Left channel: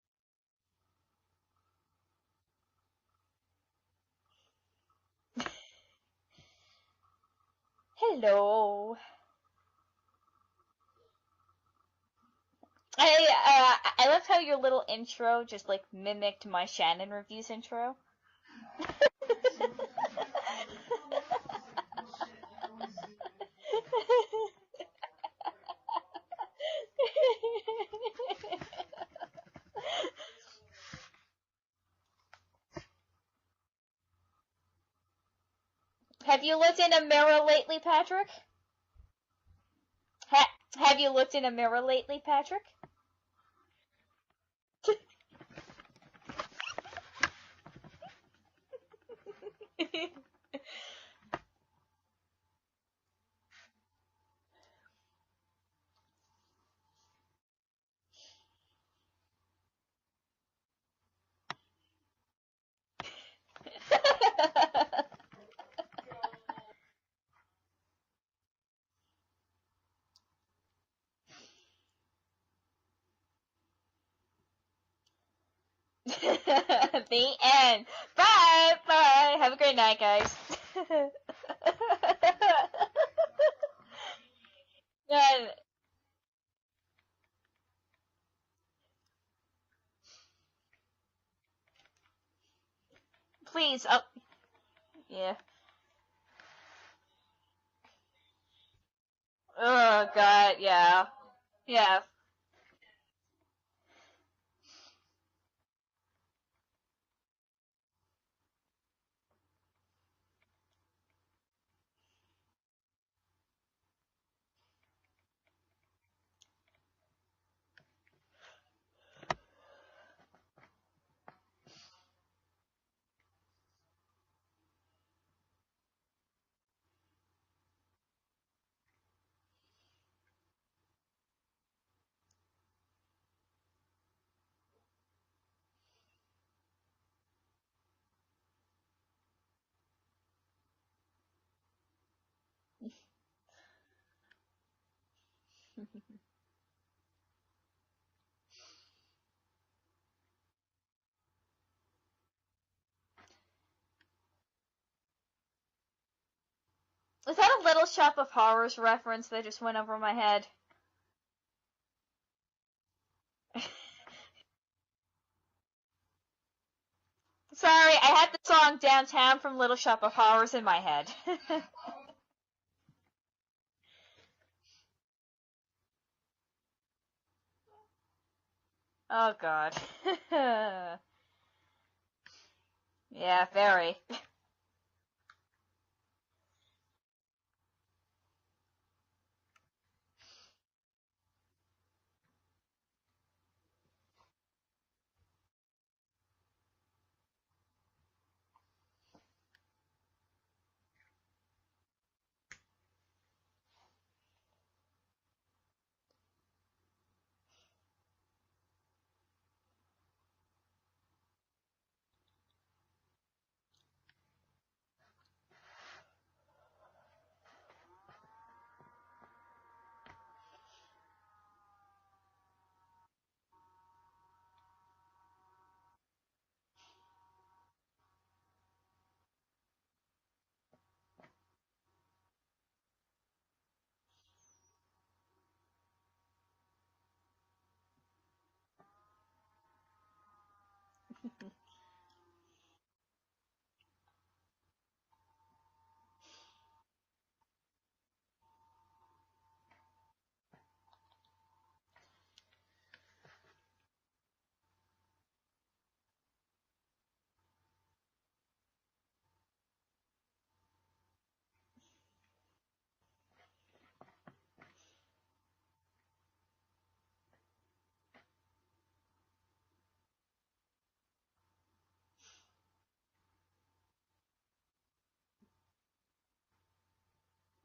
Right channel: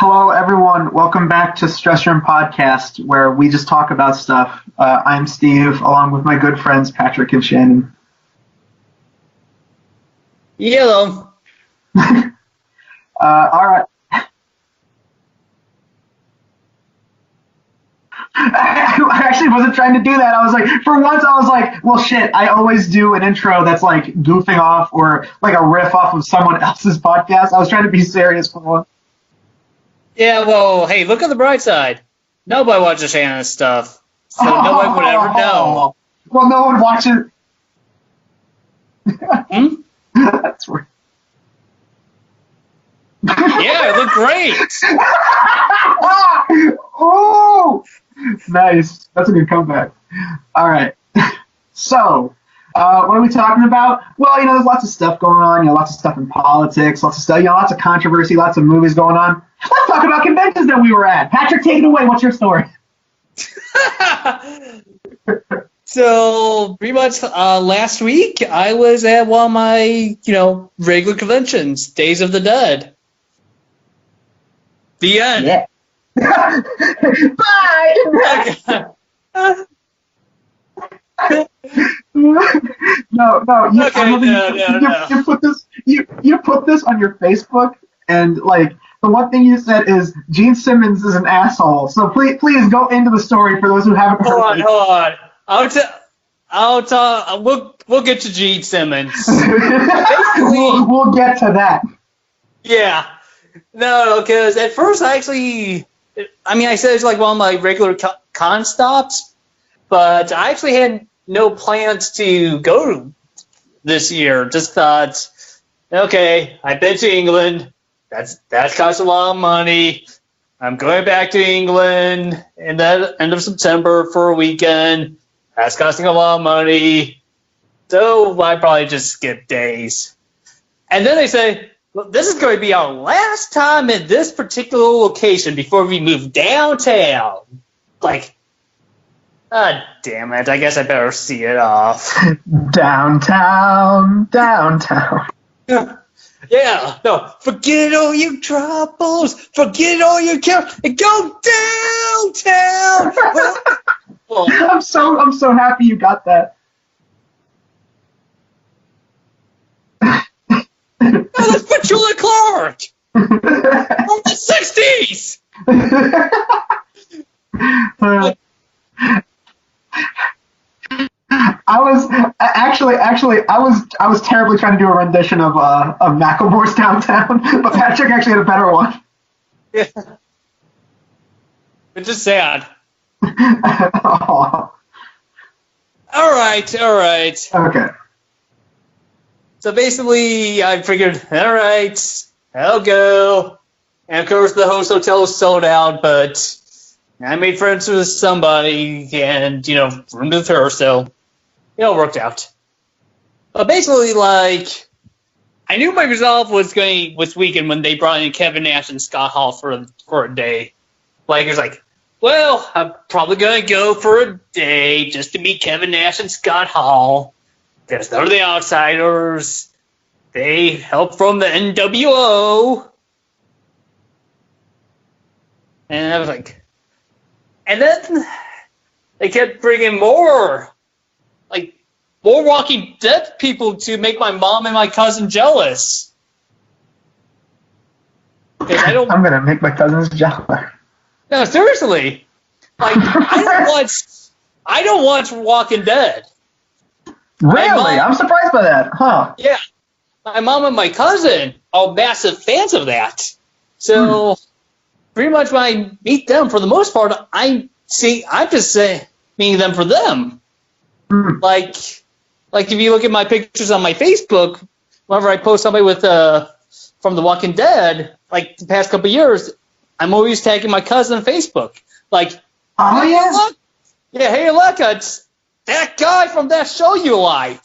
Hello, everyone. Welcome back to Stress Room Podcast, where we just talk about stuff. I'm Steve, along with my good friends Patrick and Shannon. Hello. Yellow. I like how your little intro just mimicked my Shannon reviews intro. I actually wasn't trying to do that. I was like, for once, I was like, well, shit. I always do an intro that's like goofing off or like a riff off of someone else's podcast. I was trying to be serious for once. Yeah, well, hey, look on the bright side. Nobody watches Shannon's stuff, so nobody would ever know. Well, no one watches. Have you looked in a mirror lately, Patrick? Have you looked in a mirror lately, Patrick? Yeah, I look great. Oh, nice. That's a good comeback. All right. So, what are we talking about? Well, there's lots of stuff going on. Lots of stuff in politics, lots of stuff. Lots of controversy, lots of movies going on. Let's talk about conventions that we were at. Patrick, take it away. What's your story? So, pretty much last week, I was at one of my, regular conventions, Days of the Dead. The end. Yeah. Bye. Bye. Have a great night, guys. No. You put this on your Facebook, and the one thing you said is Gene Simmons is an asshole. So please go into the story for those who haven't heard. Hold on. We'll get to Gene Simmons. we'll get to that. Yeah. No, because at first I said it's like one of my regular con stops, but I actually had no plans to go this year. Just thought, okay, I've been to England. That's cost a lot of money. I'm going back to England in the end of September for a weekend. That's costing a lot of money. So I probably just skip days. And then they say, well, this is going to be our last time at this particular location before we move downtown. Damn it. I guess I better see it off. Downtown. Yeah, no, forget all your troubles, forget all your cares, and go downtown. I'm so happy you got that. Was that a Little Shop of Horrors reference that just went over my head? No, that's Petula Clark from the 60s. Sorry, I had the song Downtown from Little Shop of Horrors in my head. I was terribly trying to do a rendition of Macklemore's Downtown, but Patrick actually had a better one. Oh God. It's just sad. Yeah. All right. Okay. So basically, I figured, all right, I'll go. And of course, the host hotel was sold out, but I made friends with somebody and, roomed with her, so it all worked out. But basically, I knew my resolve was weekend when they brought in Kevin Nash and Scott Hall for a day. It was well, I'm probably going to go for a day just to meet Kevin Nash and Scott Hall. Because they're the outsiders. They help from the NWO. And I was and then they kept bringing more Walking Dead people to make my mom and my cousin jealous. I'm gonna make my cousins jealous. No, seriously. I don't watch Walking Dead. Really? I'm surprised by that, huh? Yeah. My mom and my cousin are massive fans of that. So pretty much when I meet them, for the most part, I'm just meeting them for them. If you look at my pictures on my Facebook, whenever I post somebody with from The Walking Dead, the past couple of years, I'm always tagging my cousin on Facebook. Oh, yeah? Look, yeah, hey, look, it's that guy from that show you like.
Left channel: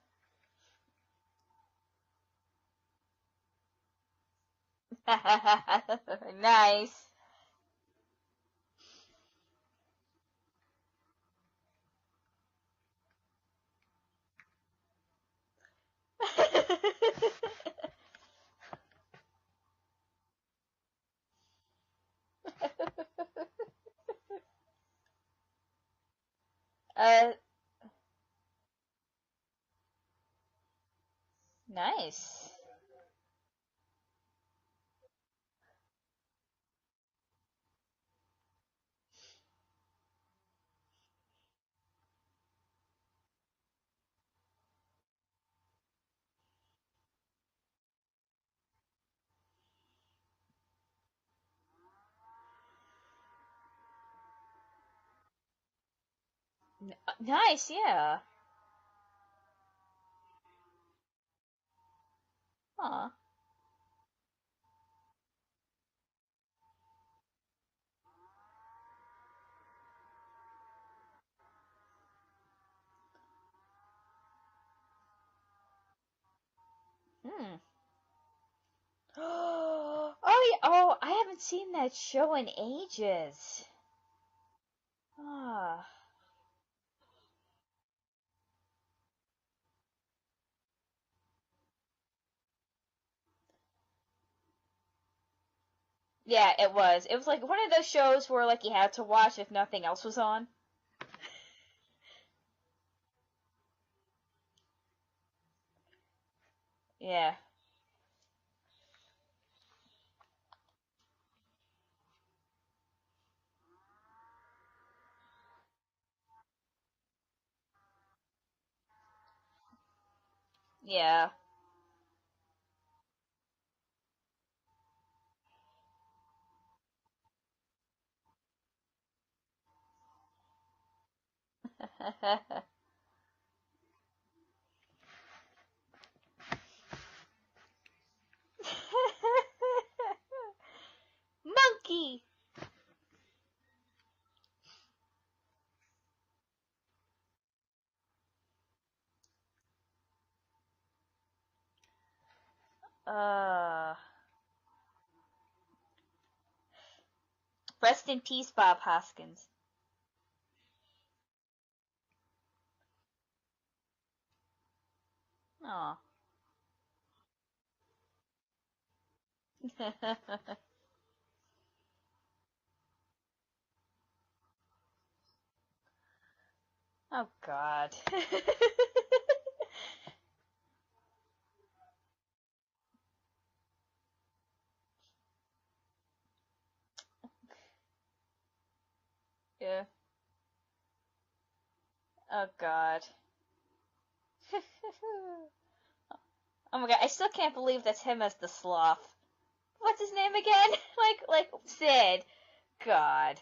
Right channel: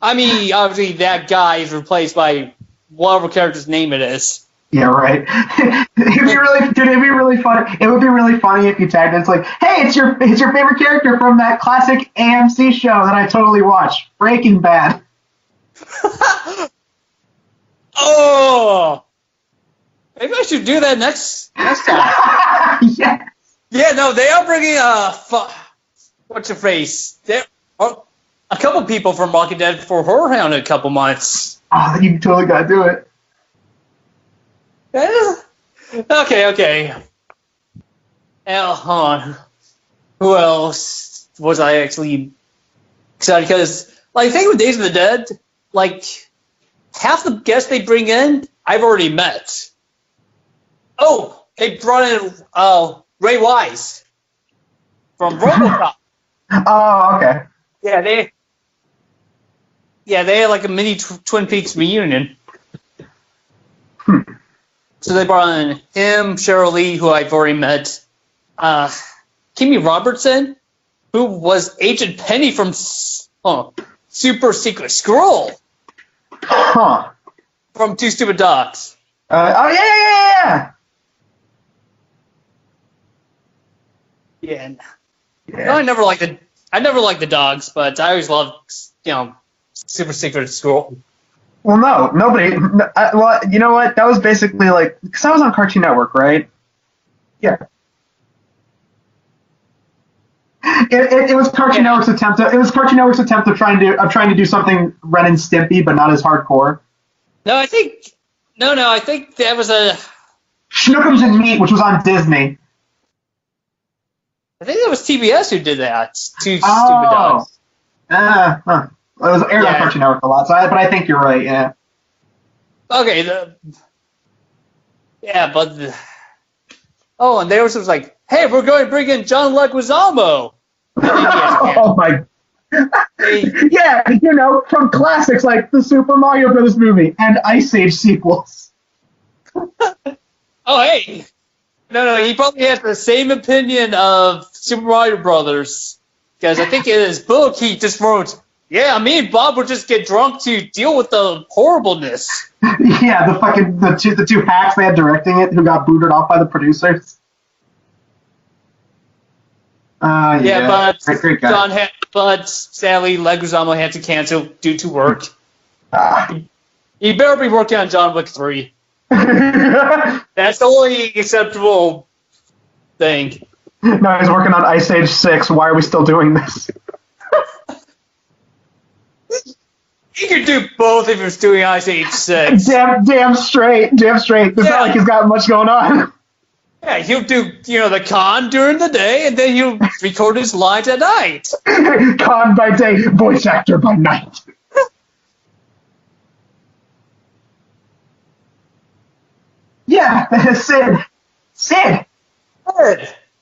Obviously, that guy is replaced by whatever character's name it is. Yeah, right. It'd be really funny. It would be really funny if you tagged it. It's hey, it's your favorite character from that classic AMC show that I totally watch, Breaking Bad. Oh. Maybe I should do that next time. Yeah. Yeah, no, they are bringing what's your face? There are a couple people from Walking Dead for Horror Hound in a couple months. Oh, you totally gotta do it. Okay. Now, hold on. Who else was I actually excited? Because, like, the thing with Days of the Dead, like, half the guests they bring in, I've already met. Oh, they brought in Ray Wise from RoboCop. Oh, okay. Nice, yeah. They had like a mini Twin Peaks reunion. Aw. So they brought in him, Cheryl Lee, who I've already met, Kimmy Robertson, who was Agent Penny from Super Secret Scroll. Huh. From Two Stupid Dogs. Yeah. Oh, I haven't seen that show in ages. Yeah. Oh. Yeah. No, I never liked the dogs, but I always loved, Super Secret Scroll. Well, no, nobody. Well, you know what? That was basically like, because I was on Cartoon Network, right? Yeah, it was. It was like Yeah. one of those shows where like you had to watch if nothing else was on. It was Cartoon Network's attempt. It was Cartoon Network's attempt of trying to do something Ren and Stimpy, but not as hardcore. Yeah. No, I think that was Schnookums and Meat, which was on Disney. I think that was TBS who did that. Two Stupid Oh. Dogs. It was aired on Yeah. Cartoon Network a lot, but I think you're right. Yeah. Okay. And there was like, hey, we're going to bring in John Leguizamo. Oh my. Yeah, from classics like the Super Mario Brothers movie and Ice Age sequels. Oh, hey. Monkey. No, he probably has the same opinion of Super Mario Brothers. Because I think in his book, he just wrote, yeah, me and Bob would just get drunk to deal with the horribleness. Yeah, the two hacks they had directing it who got booted off by the producers. Rest in peace, Bob Hoskins. Yeah, but great guy. but sadly, Leguizamo had to cancel due to work. Aw. He better be working on John Wick 3. That's the only acceptable thing. No, he's working on Ice Age 6. Why are we still doing this? Oh God. He could do both if he was doing Ice Age 6. Damn straight. It's not like he's got much going on. Yeah, he'll do, the con during the day, and then he'll record his lines at night. Con by day, voice actor by night. Oh my God, I still can't believe that's him as the sloth. Yeah, Sid. Like Sid. Sid. Oh God.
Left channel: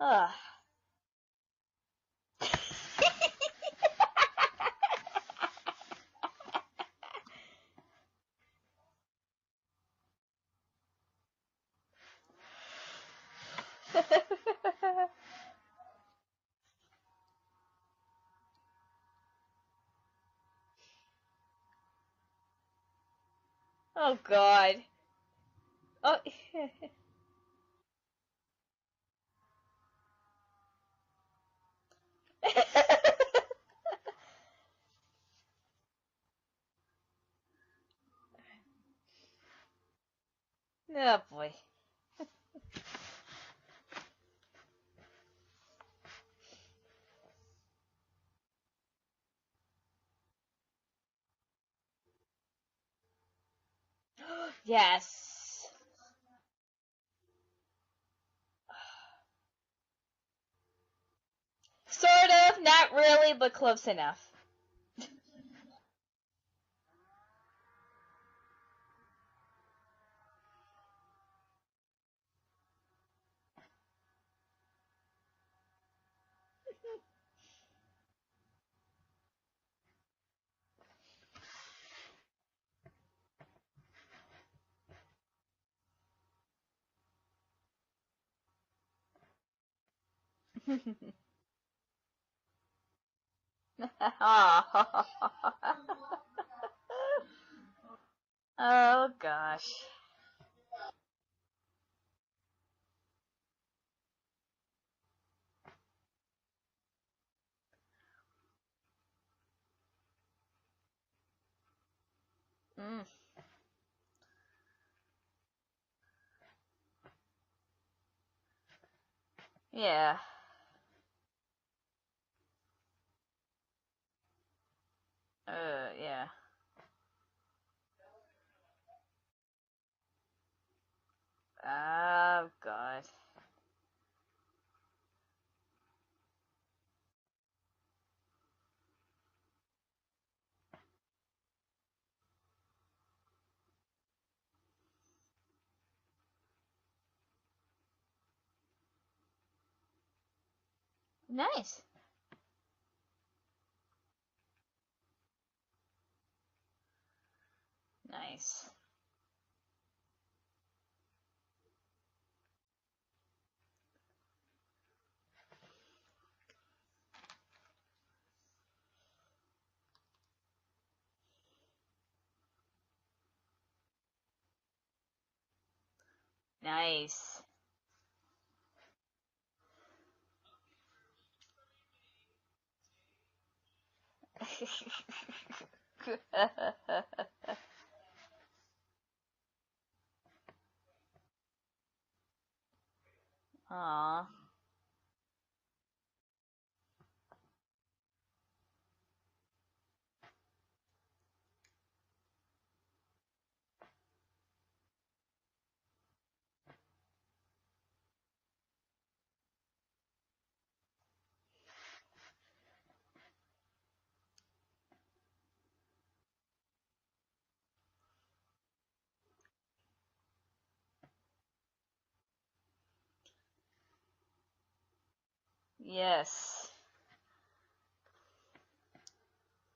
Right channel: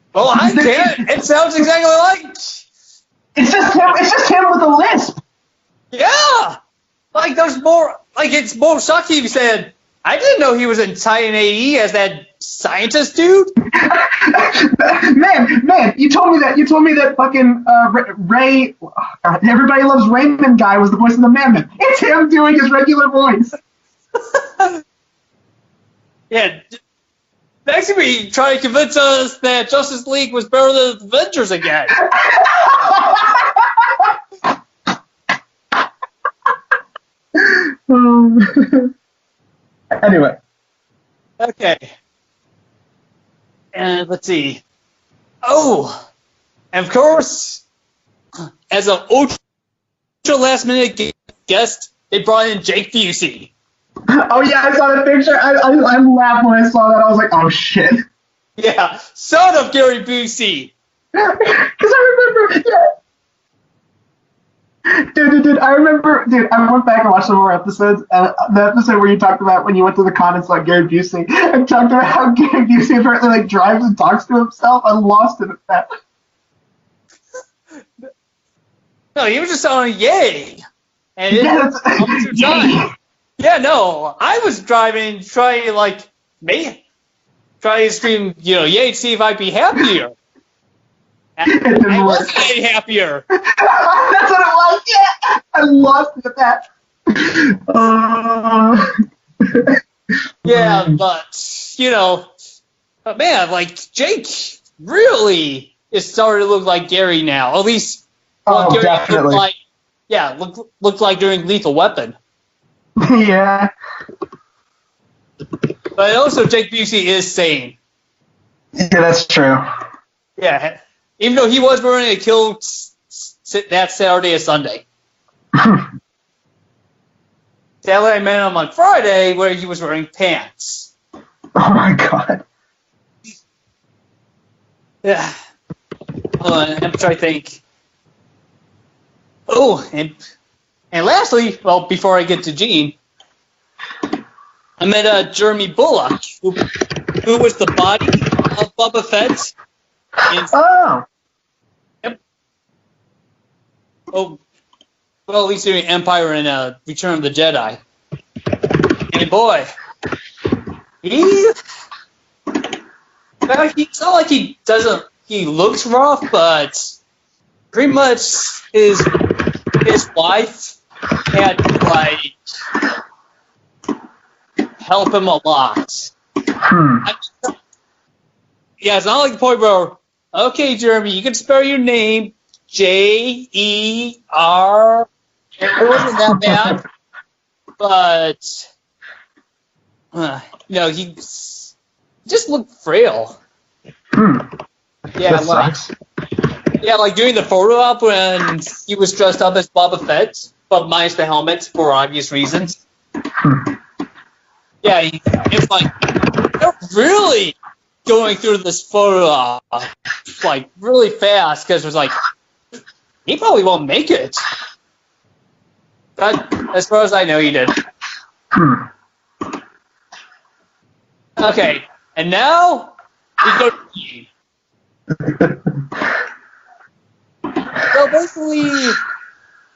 Oh. Well, I can't. It sounds exactly like. It's just him with a lisp. Yeah. Like, there's more. Like, it's more shocking if you said, I didn't know he was in Titan AE as that scientist dude. man, you told me that fucking Ray, Everybody Loves Raymond guy was the voice of the Mammoth. It's him doing his regular voice. Oh God. Oh. Yeah. Next week, try to convince us that Justice League was better than Avengers again. Anyway. Oh, boy. Okay. And let's see. Oh, and of course, as an ultra last minute guest, they brought in Jake Busey. Oh yeah, I saw the picture. I laughed when I saw that. I was like, oh shit. Yeah, son of Gary Busey. Because I remember. Not really, but close enough. Dude, I went back and watched some more episodes, and the episode where you talked about when you went to the con and saw Gary Busey, and talked about how Gary Busey apparently like drives and talks to himself. I lost it at that. No, he was just on Yay. And Yeah, time. Yeah, no, I was driving, trying to scream, Yay, see if I'd be happier. I wasn't any happier. That's what it was. Yeah, I lost it at that. Oh God. Yeah, but man, like Jake really is starting to look like Gary now. At least what Gary definitely. looked like during Lethal Weapon. Yeah. But also, Jake Busey is sane. Yeah, that's true. Yeah. Yeah, even though he was wearing a kilt that Saturday and Sunday. Yeah. Sadly, I met him on Friday where he was wearing pants. Oh my god. Oh god. Yeah. Hold on, I'm trying to think. Oh, and lastly, well, before I get to Gene, I met Jeremy Bulloch, who was the body of Boba Fett. Oh. Nice. Yep. Oh, well, at least doing Empire and Return of the Jedi. Nice. And boy, it's not like he doesn't. He looks rough, but pretty much his wife had to like help him a lot. Yeah, it's not like the point where, okay, Jeremy, you can spell your name J-E-R. It wasn't that bad, but he just looked frail. Yeah, That sucks. like doing the photo op when he was dressed up as Boba Fett, but minus the helmet for obvious reasons. Yeah, it's like they're really going through this photo op like really fast because it was like he probably won't make it. But as far as I know, he did. Okay, and now we go to Gene. So basically,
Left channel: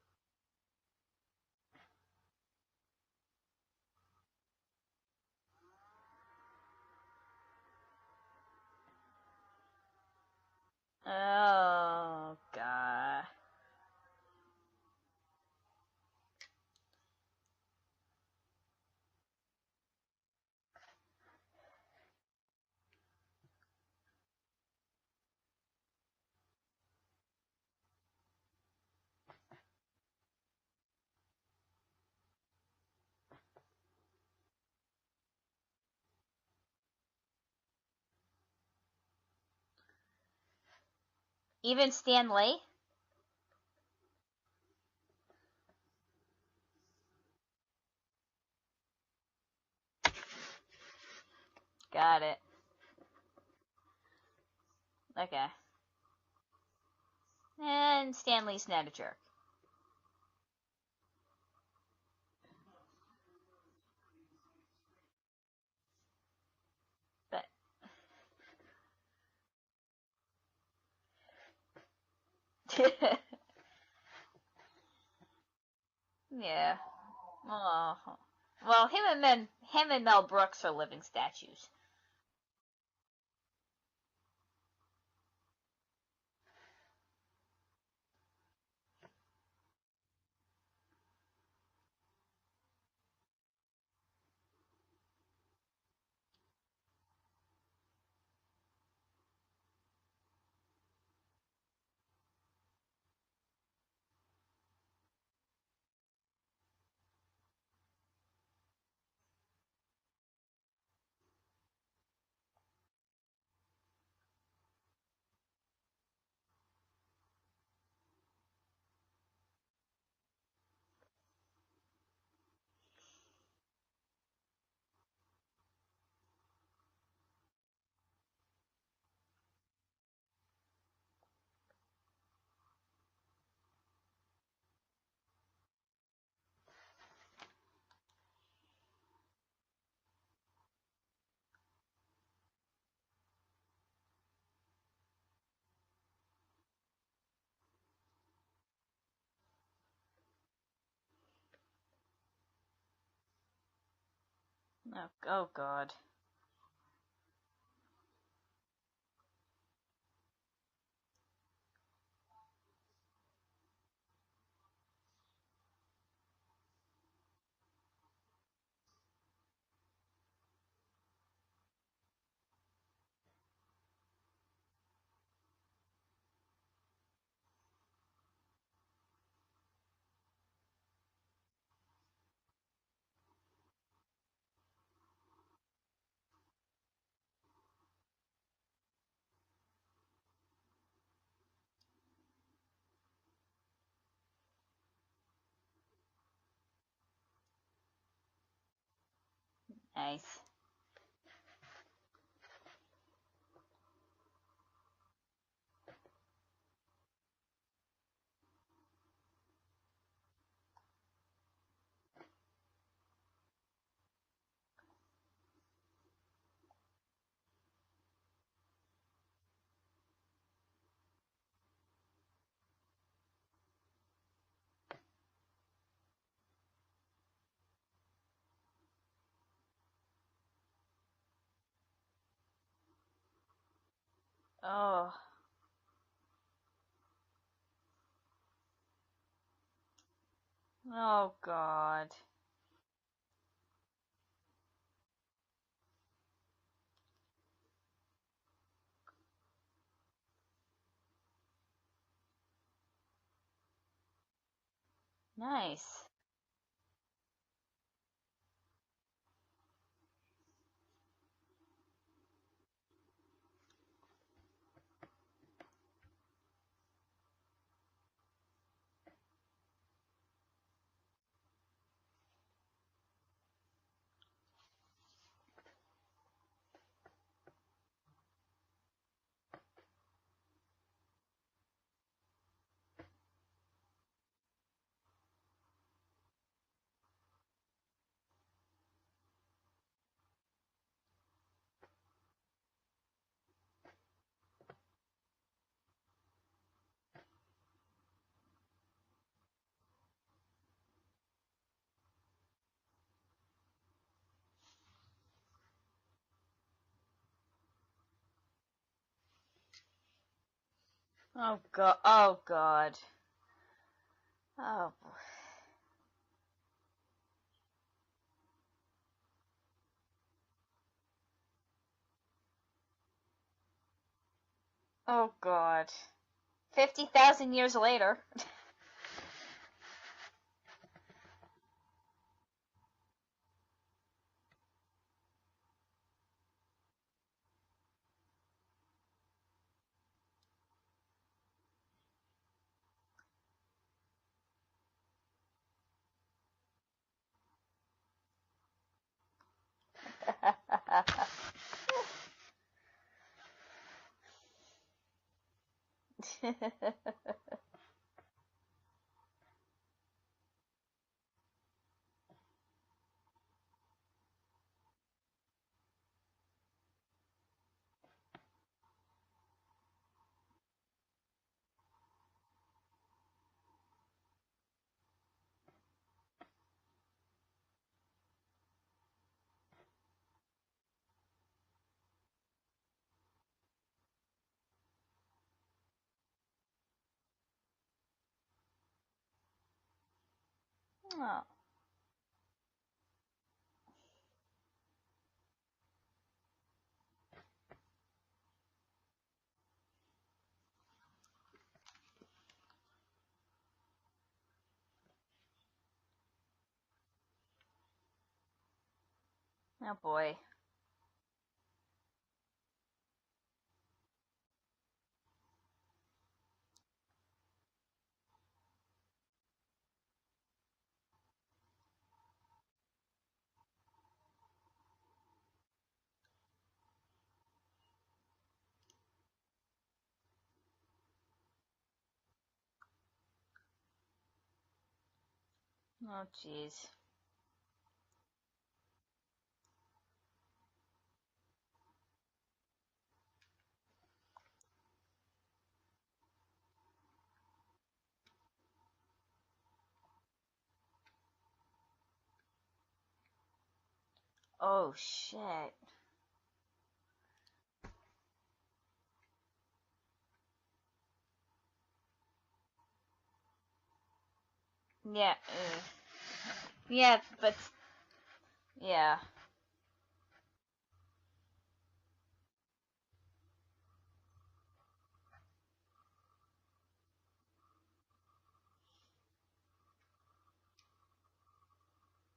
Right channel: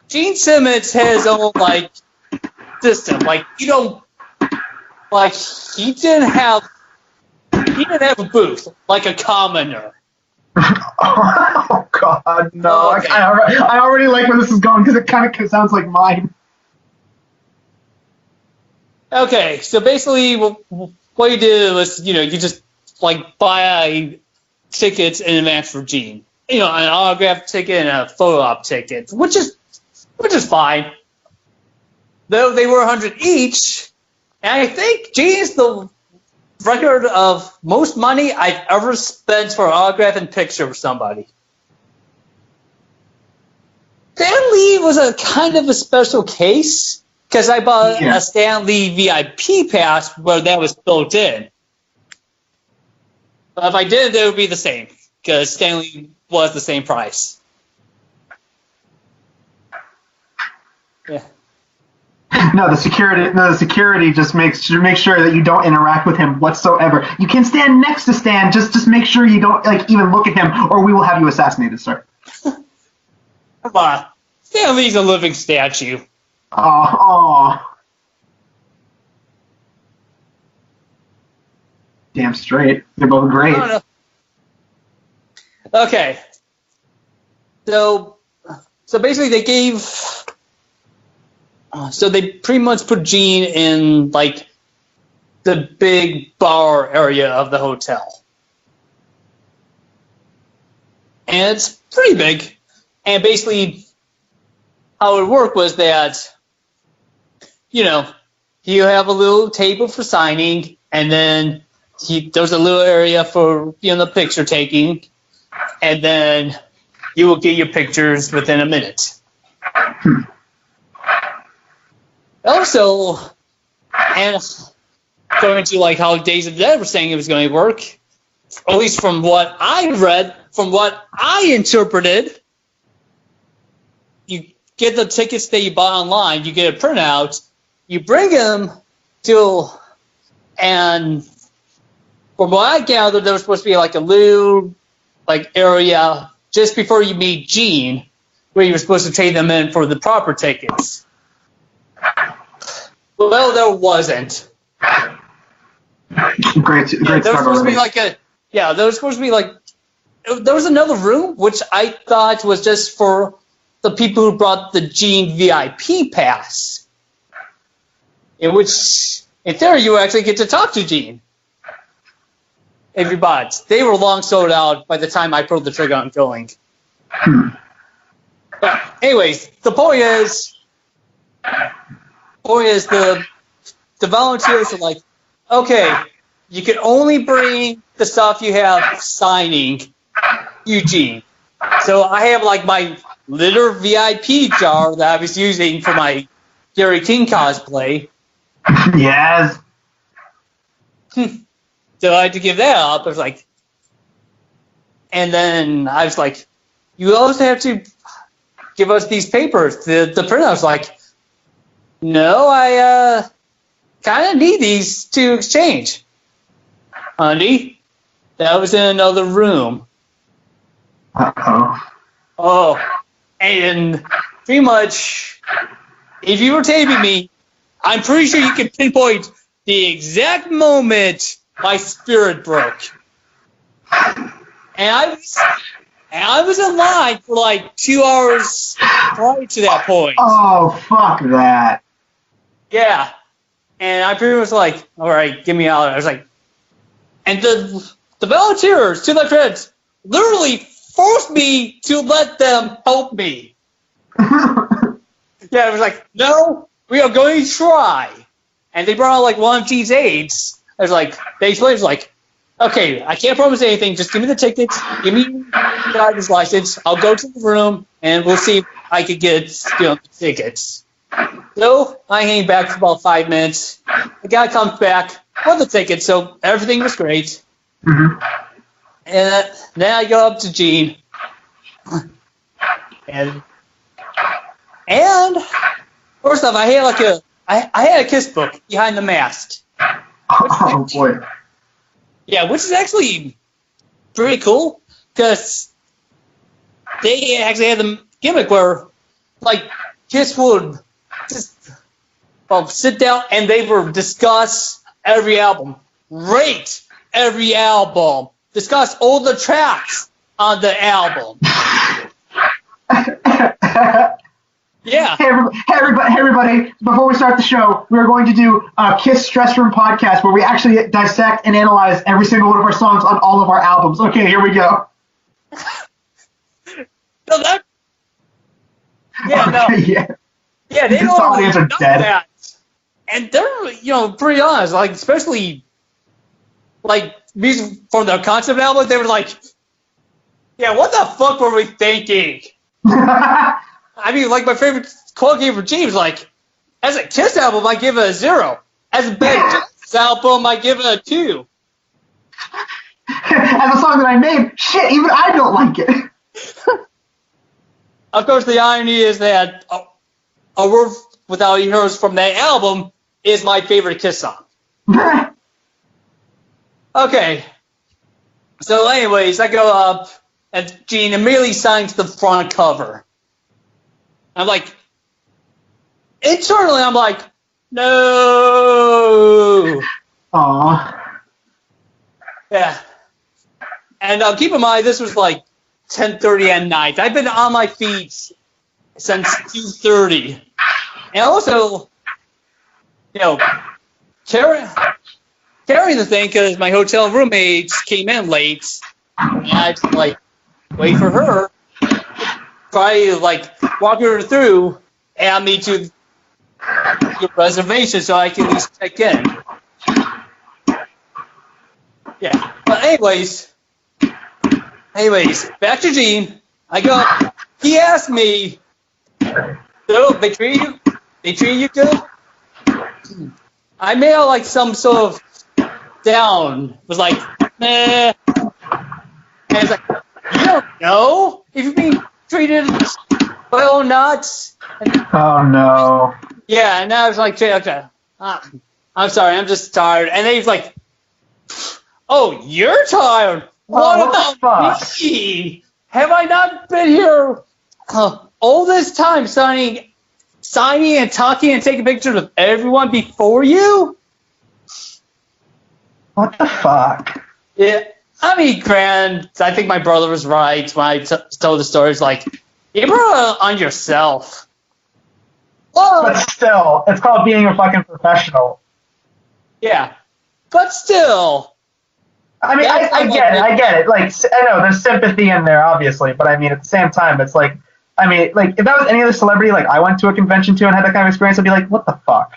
Gene Simmons has his own like system. Like he didn't have a booth like a commoner. Oh god, no! Okay. I already like where this is going because it kind of sounds like mine. Okay, so basically, what you did was, you just like buy tickets in advance for Gene. An autograph ticket and a photo op ticket, which is fine. Though they were $100 each, and I think Gene's the record of most money I've ever spent for an autograph and picture with somebody. Even Stan Lee? Stan Lee was a kind of a special case because I bought a Stan Lee VIP pass where that was built in. Got it. But if I didn't, it would be the same because Okay. Stan Lee was the same price. And Stan Lee's not a jerk. Yeah. No, the security just makes sure that you don't interact with him whatsoever. You can stand next to Stan, just make sure you don't even look at him, or we will have you assassinated, sir. Come on. Stan Lee's a living statue. Yeah. Oh, Well, him and Mel Brooks are living statues. damn straight. They're both great. I don't know. Okay. So basically they gave... So they pretty much put Gene in, like, the big bar area of the hotel. And it's pretty big. And basically how it worked was that, you have a little table for signing, and then there's a little area for, the picture taking, and then you will get your pictures within a minute. Also, and going to like how Days of the Dead were saying it was going to work, at least from what I read, from what I interpreted, you get the tickets that you bought online, you get a printout, you bring them to, and from what I gathered, there was supposed to be like a little area just before you meet Gene, where you were supposed to trade them in for the proper tickets. Well, there wasn't. Oh god. Great There was start supposed to be already. there was supposed to be there was another room which I thought was just for the people who brought the Gene VIP pass, in which, in theory, you actually get to talk to Gene. If you bought it. They were long sold out by the time I pulled the trigger on going. But anyways, the point is the volunteers are like, okay, you can only bring the stuff you have signing Eugene. So I have like my little VIP jar that I was using for my Gary King cosplay. Yes. Nice. So I had to give that up. I was like, and then I was like, you also have to give us these papers. The printer was like, no, I kind of need these to exchange. Honey, that was in another room. Uh-oh. Oh, and pretty much, if you were taping me, I'm pretty sure you can pinpoint the exact moment my spirit broke. And I was in line for like 2 hours prior to that point. Oh, fuck that. God. Yeah. And I pretty much was like, all right, get me out. I was like, and the volunteers, to my friends, literally forced me to let them help me. Yeah, I was like, no, we are going to try. And they brought out like one of G's aides. I was like, they explained, it was like, okay, I can't promise anything. Just give me the tickets. Give me the driver's license. I'll go to the room, and we'll see if I could get the tickets. So I hang back for about 5 minutes. The guy comes back with the tickets, so everything was great. Mm-hmm. And then I go up to Gene. And first off, I had a kiss book behind the mask. Oh, boy. Yeah, which is actually pretty cool because they actually had the gimmick where, like, Kiss would just sit down and they would discuss every album, rate every album, discuss all the tracks on the album. Oh God. Oh. Yeah. Hey, everybody, before we start the show, we're going to do a Kiss Stress Room podcast where we actually dissect and analyze every single one of our songs on all of our albums. Okay, here we go. Oh God. 50,000 years later. Yeah, no. Yeah. Yeah, they This don't audience are know dead. that. And they're, pretty honest, like, especially, like, music from their concept album, they were like, yeah, what the fuck were we thinking? I mean, like, my favorite quote game for James, like, as a Kiss album, I give it a 0. As a Bad Kiss album, I give it a 2. As a song that I made, shit, even I don't like it. Of course, the irony is that A World Without Heroes from that album is my favorite Kiss song. Okay. So anyways, I go up, and Gene immediately signs the front cover. I'm like, internally, I'm like, no. Aww. Yeah. And keep in mind, this was like 10:30 at night. I've been on my feet since 2:30. And also, carrying the thing because my hotel roommates came in late. And I had to, like, wait for her. Try to, like, walk her through and add me to your reservation so I can at least check in. Yeah. But anyways, back to Gene. I go, he asked me, so they treat you good? I made out like some sort of down, was like, nah. And it's like, you don't know if you're being treated well or not. And, Oh, no. yeah, and I was like, okay, I'm sorry, I'm just tired. And then he's like, oh, you're tired? What about me? Have I not been here all this time signing and talking and taking pictures of everyone before you? Oh shit. What the fuck? Yeah, I mean, Grant, I think my brother was right when I told the story. It's like, you brought it on yourself. Yeah. But still, it's called being a fucking professional. Yeah. Yeah, but still. I mean, I get it. Like, I know there's sympathy in there, obviously, but I mean, at the same time, it's like, if that was any other celebrity, like, I went to a convention to and had that kind of experience, I'd be like, what the fuck?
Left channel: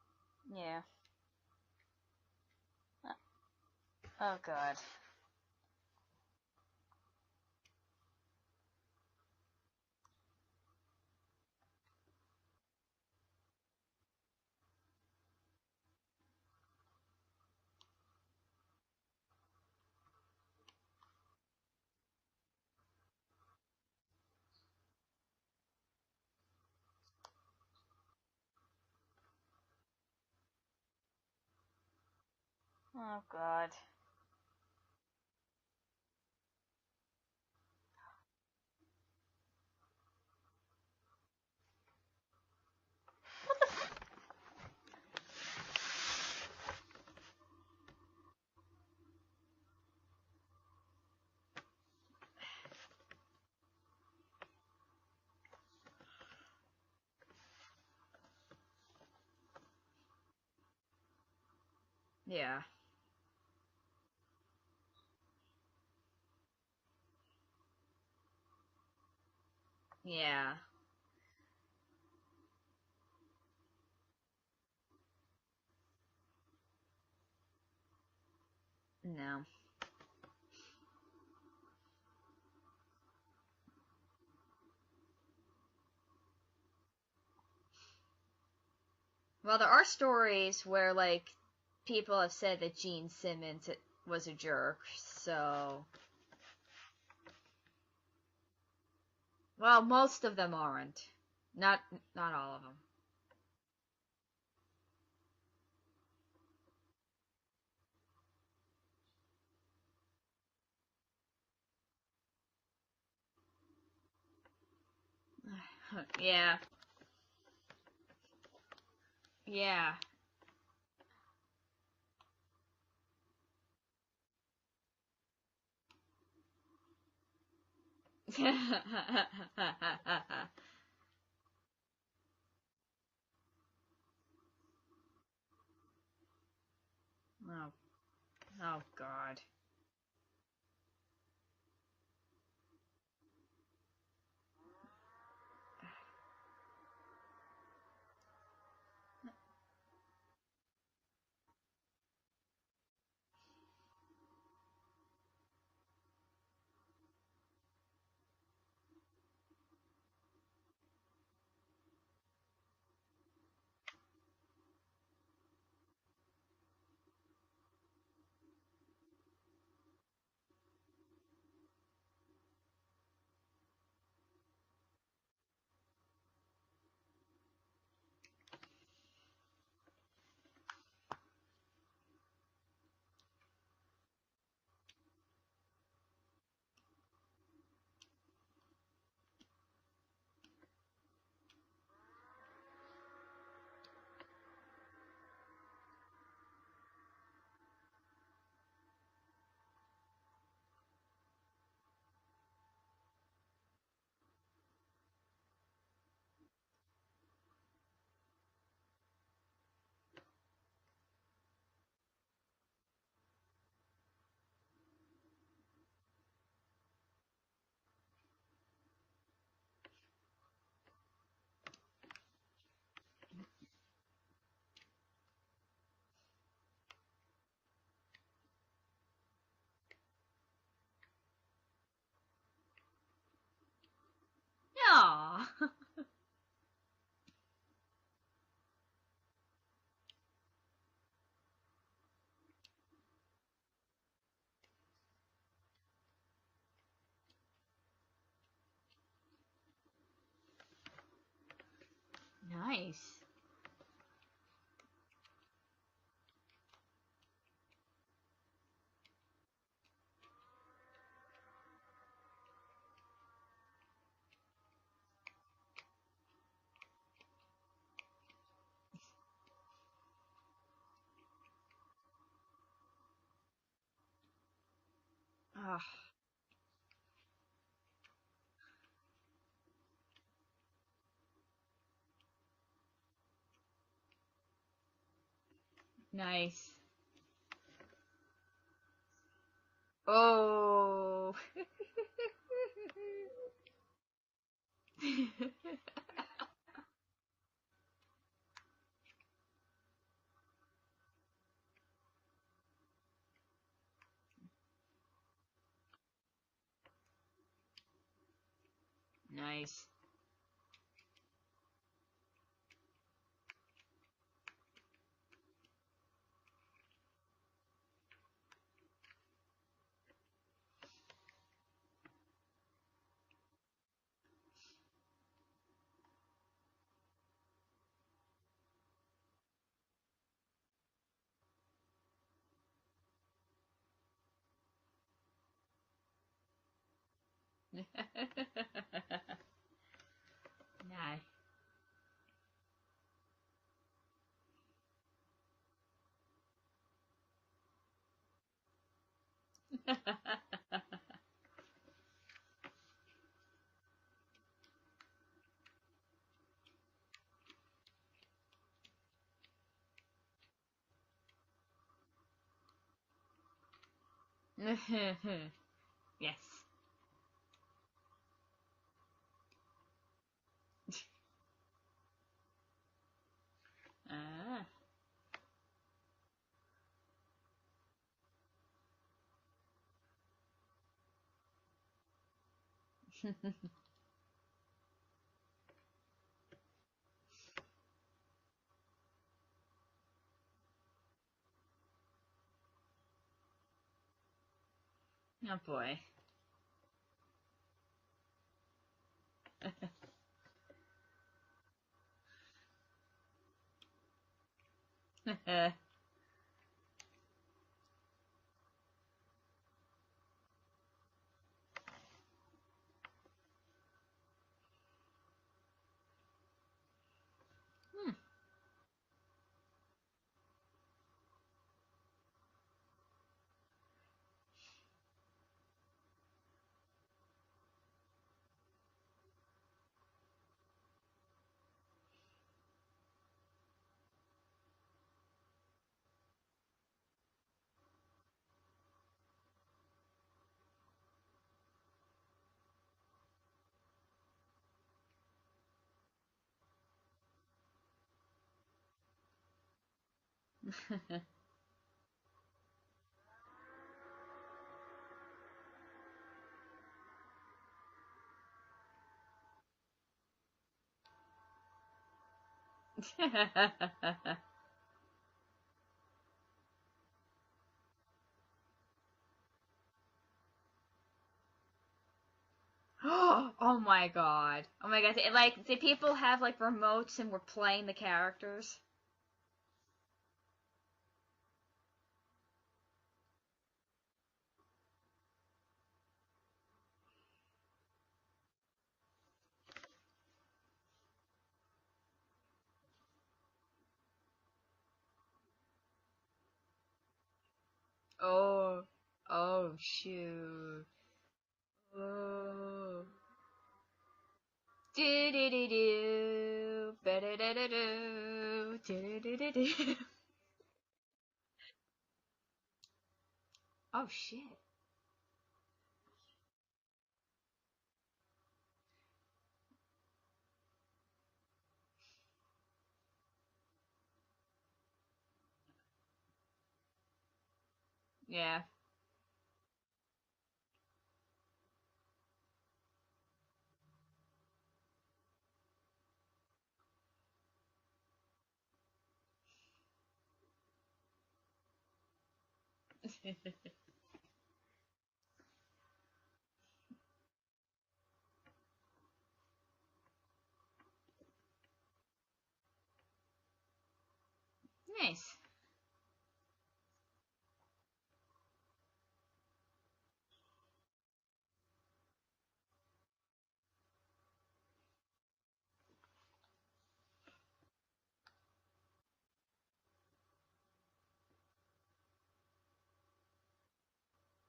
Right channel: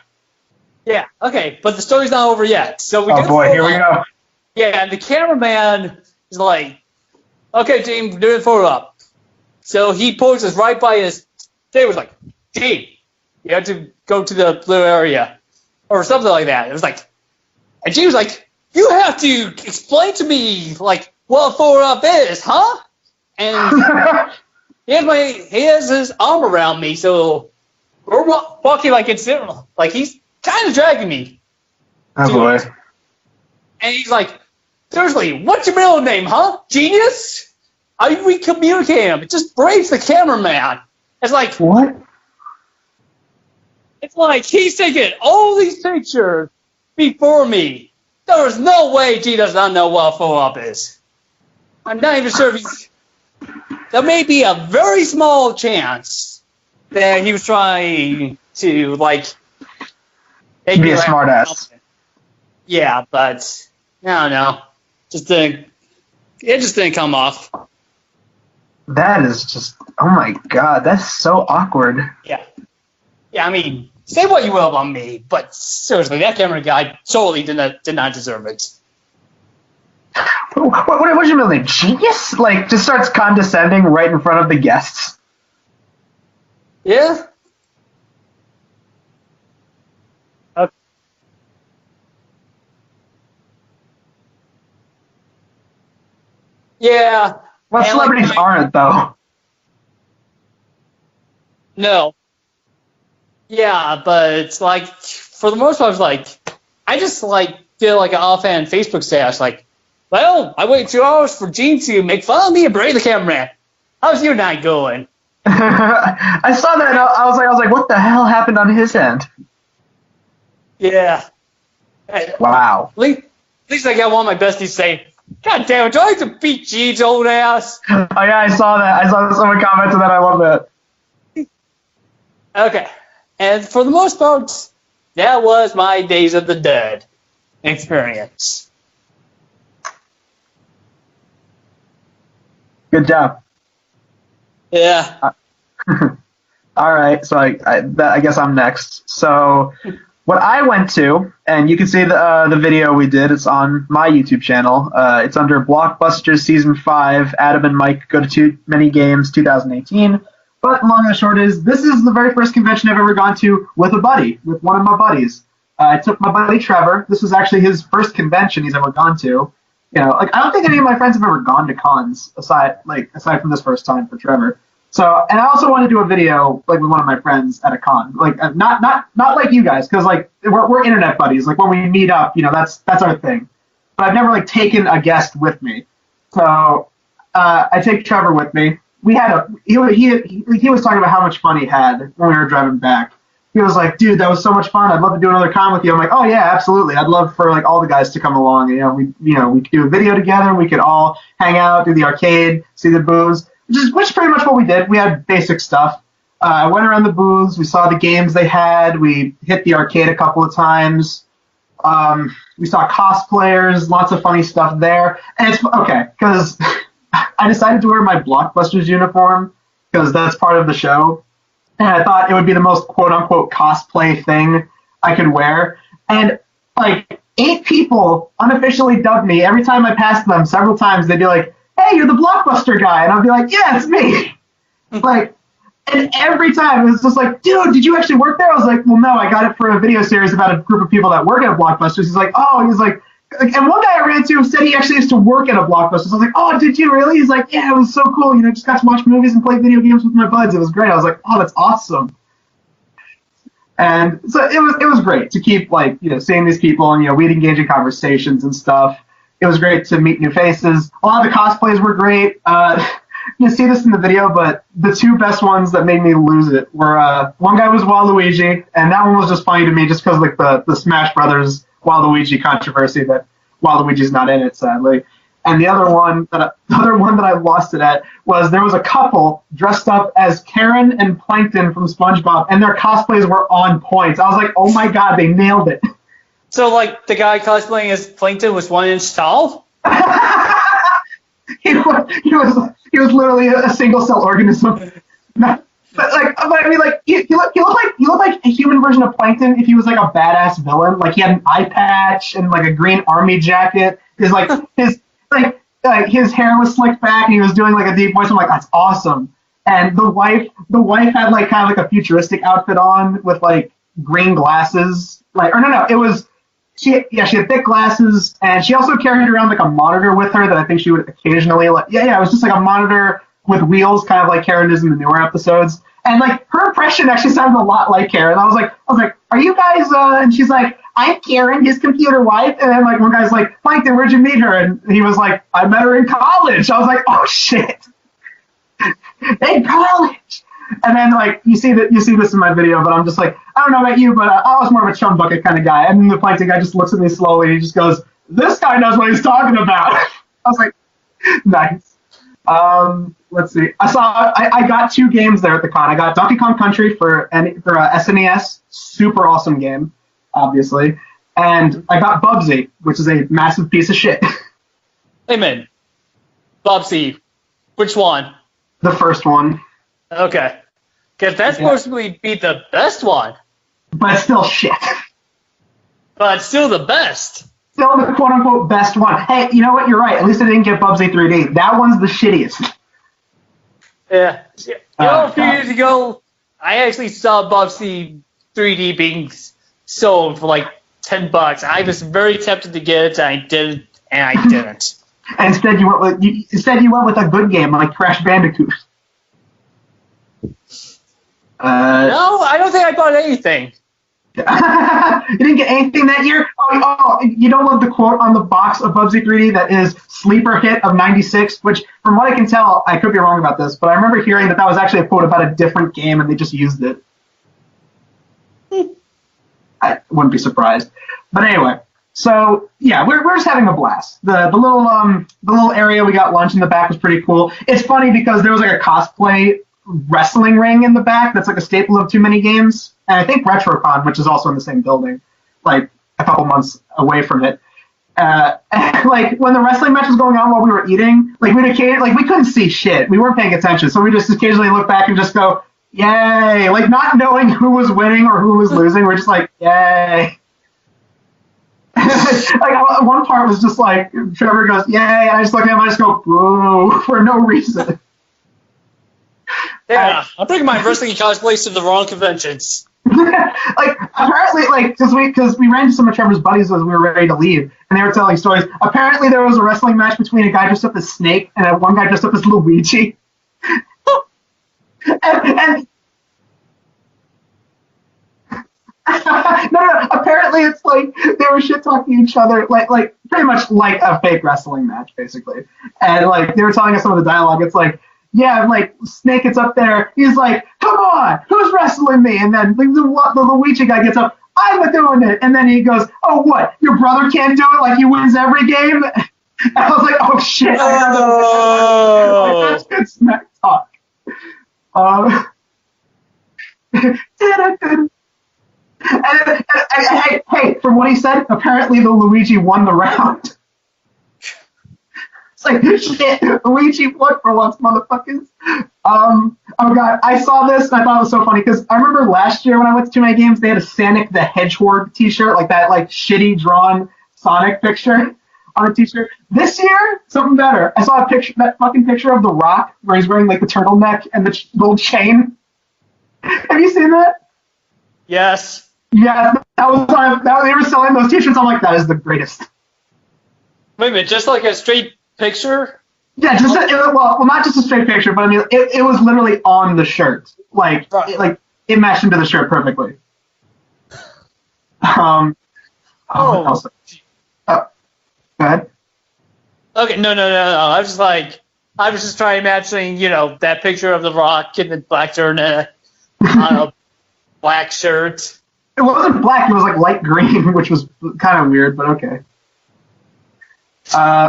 Yeah. Yeah, okay, but the story's not over yet. So we Oh boy, here we go. Oh god. Yeah, and the cameraman is like, okay, Gene, do it photo up. So he poses right by his. They was like, Gene, you have to go to the blue area, or something like that. It was like, and Gene was like, you have to explain to me like what a photo up is, huh? And he has his arm around me, so we're walking like it's like he's kind of dragging me. Oh boy. Oh god. And he's like, seriously, what's your middle name, huh? Genius? We communicate him. It just breaks the cameraman. It's like, What? it's like he's taking all these pictures before me. There is no way G does not know what a photo op is. I'm not even sure if he's. There may be a very small chance that he was trying to like make Be me a laugh. smartass. Yeah. Yeah, but I don't know. It just didn't come off. That is just, oh my god, that's so awkward. Yeah. Yeah, I mean, say what you will about me, but seriously, that camera guy totally did not deserve it. No. What's your middle name? Genius? Like, just starts condescending right in front of the guests. Yeah? Well, there are stories Okay. where like people have said that Gene Simmons was a jerk. So, Yeah. Well, And, celebrities like, aren't, though. well, most of them aren't. Not No. Not all of them. Yeah, but it's like, for the most part, it's like, I just like did like an offhand Facebook status, like, well, I waited 2 hours for Gene to make fun of me and break the cameraman. How's your night going? I saw that and I was like, what the hell happened on his end? Yeah. Yeah. Hey, Wow. At least I got one of my besties say, God damn it, do I have to beat Gene's old ass? Oh yeah, I saw that. I saw someone commented that. I love that. Okay. And for the most part, that was my Days of the Dead Oh, experience. oh god. Good job. Yeah. All right, so I guess I'm next. So what I went to, and you can see the video we did. It's on my YouTube channel. It's under Blockbusters Season 5, Adam and Mike Go to Too Many Games 2018. But long and short is, this is the very first convention I've ever gone to with a buddy, with one of my buddies. I took my buddy Trevor. This was actually his first convention he's ever gone to. You know, like I don't think any of my friends have ever gone to cons aside from this first time for Trevor. So, and I also want to do a video like with one of my friends at a con, like not like you guys, because like we're internet buddies. Like when we meet up, you know, that's our thing. But I've never like taken a guest with me. So I take Trevor with me. We had he was talking about how much fun he had when we were driving back. He was like, dude, that was so much fun. I'd love to do another con with you. I'm like, oh yeah, absolutely. I'd love for like all the guys to come along. We could do a video together. We could all hang out, do the arcade, see the booths. Which is pretty much what we did. We had basic stuff. I went around the booths. We saw the games they had. We hit the arcade a couple of times. We saw cosplayers, lots of funny stuff there. And it's okay, because I decided to wear my Blockbusters uniform, because that's part of the show. And I thought it would be the most quote-unquote cosplay thing I could wear. And, like, 8 people unofficially dubbed me. Every time I passed them, several times, they'd be like, hey, you're the Blockbuster guy. And I'd be like, yeah, it's me. No. Like, and every time it was just like, dude, did you actually work there? I was like, well, no, I got it for a video series about a group of people that work at Blockbusters. He's like, and one guy I ran into said he actually used to work at a Blockbuster. So I was like, oh, did you really? He's like, yeah, it was so cool. You know, just got to watch movies and play video games with my buds. It was great. I was like, oh, that's awesome. Nice. And so it was great to keep like, you know, seeing these people, and, you know, we'd engage in conversations and stuff. It was great to meet new faces. A lot of the cosplays were great. You see this in the video, but the 2 best ones that made me lose it were one guy was Waluigi, and that one was just funny to me just because like the Smash Brothers Waluigi controversy that Waluigi's not in it, sadly. And the other one that I lost it at was there was a couple dressed up as Karen and Plankton from SpongeBob, and their cosplays were on point. I was like, oh my god, they nailed it. Nice. So, like, the guy cosplaying as Plankton was 1 inch tall? Oh. He was literally a single cell organism. But like, But I mean, like he looked like a human version of Plankton if he was like a badass villain. Like he had an eye patch and like a green army jacket. His hair was slicked back and he was doing like a deep voice. I'm like, that's awesome. Nice. And the wife had like kind of like a futuristic outfit on with like green glasses. She had thick glasses, and she also carried around like a monitor with her that I think she would occasionally it was just like a monitor with wheels, kind of like Karen is in the newer episodes. And like her impression actually sounded a lot like Karen. I was like, are you guys? And she's like, I'm Karen, his computer wife. And then like one guy's like, Plankton, where'd you meet her? And he was like, I met her in college. I was like, oh shit, in college. And then like you see this in my video, but I'm just like, I don't know about you, but I was more of a chum bucket kind of guy. And then the Plankton guy just looks at me slowly and he just goes, this guy knows what he's talking about. I was like, nice. Let's see. I got 2 games there at the con. I got Donkey Kong Country for SNES, super awesome game, obviously, and I got Bubsy, which is a massive piece of shit. Amen. Yes. Bubsy, which one? The first one, Okay, because that's supposed to be the best one, but it's still shit. but still the best. Still the quote-unquote best one. Hey, you know what? You're right. At least I didn't get Bubsy 3D. That one's the shittiest. Yeah. A few years ago, I actually saw Bubsy 3D being sold for like $10. I was very tempted to get it, and I didn't. And instead, you went with a good game like Crash Bandicoot. No, I don't think I bought anything. You didn't get anything that year? Oh, you don't love the quote on the box of Bubsy 3D that is sleeper hit of 96, which from what I can tell, I could be wrong about this, but I remember hearing that was actually a quote about a different game and they just used it. I wouldn't be surprised. But anyway, so yeah, we're just having a blast. The little area we got lunch in the back was pretty cool. It's funny because there was like a cosplay wrestling ring in the back that's like a staple of too many games. And I think RetroCon, which is also in the same building, like a couple months away from it. Like when the wrestling match was going on while we were eating, like we couldn't see shit. We weren't paying attention, so we just occasionally look back and just go, "Yay!" Like not knowing who was winning or who was losing. We're just like, "Yay!" Like one part was just like Trevor goes, "Yay!" and I just look at him, I just go, "Boo!" for no reason. Yeah, I'm bringing my wrestling cosplays to the wrong conventions. Like apparently, like because we ran into some of Trevor's buddies as we were ready to leave, and they were telling stories. Apparently, there was a wrestling match between a guy dressed up as Snake and one guy dressed up as Luigi. Oh my god! Oh my god! And people have like remotes and we're playing the characters. No. Apparently, it's like they were shit talking each other, like pretty much like a fake wrestling match, basically. And like they were telling us some of the dialogue. It's like. Yeah, like Snake gets up there. He's like, "Come on, who's wrestling me?" And then the Luigi guy gets up. I'm doing it. And then he goes, "Oh, what? Your brother can't do it? Like he wins every game?" Oh. And I was like, "Oh shit!" Oh. That's good smack talk. Hey, from what he said, apparently the Luigi won the round. Oh shit. Like, shit, Luigi won for once, motherfuckers. Oh god, I saw this and I thought it was so funny because I remember last year when I went to too many games, they had a Sonic the Hedgehog t-shirt, like that like shitty drawn Sonic picture on a t-shirt. This year, something better. I saw that fucking picture of The Rock where he's wearing like the turtleneck and the little chain. Have you seen that? Yes. Yeah, they were selling those t-shirts. I'm like, that is the greatest. Wait a minute, just like a straight picture? Yeah, well, not just a straight picture, but I mean, it was literally on the shirt. Like, right. It matched into the shirt perfectly. Go ahead. Okay, no. I was just trying to imagine, that picture of The Rock in the black turtleneck on a black shirt. It wasn't black, it was like light green, which was kind of weird, but okay.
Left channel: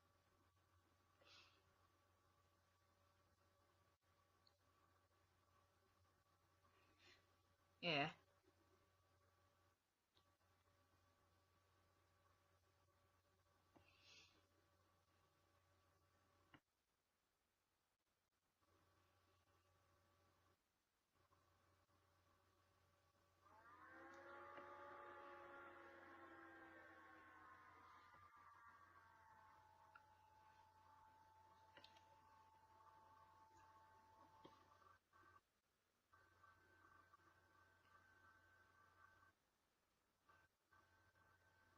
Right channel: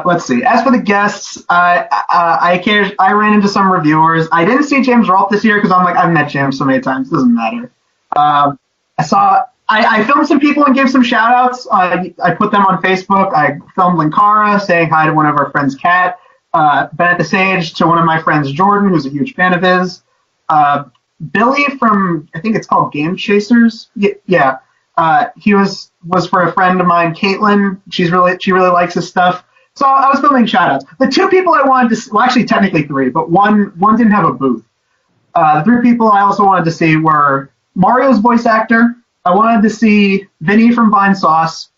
Let's see. As for the guests, I ran into some reviewers. I didn't see James Rolfe this year because I've met James so many times. It doesn't matter. Yeah. I filmed some people and gave some shout outs. I put them on Facebook. I filmed Linkara saying hi to one of our friends, Kat. Been at the Sage to one of my friends, Jordan, who's a huge fan of his. Billy from, I think it's called Game Chasers. Yeah. He was for a friend of mine, Caitlin. She really likes his stuff. So I was filming shoutouts. The two people I wanted to see, well, actually technically three, but one didn't have a booth. The three people I also wanted to see were Mario's voice actor. I wanted to see Vinny from Vine Sauce,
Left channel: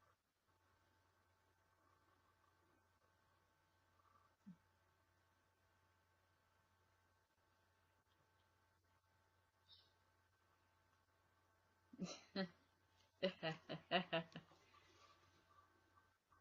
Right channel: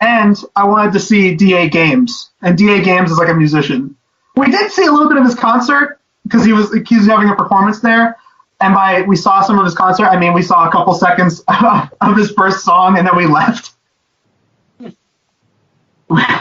and I wanted to see DA Games. And DA Games is like a musician. We did see a little bit of his concert because he was having a performance there. And we saw some of his concert. I mean, we saw a couple seconds of his first song, and then we left,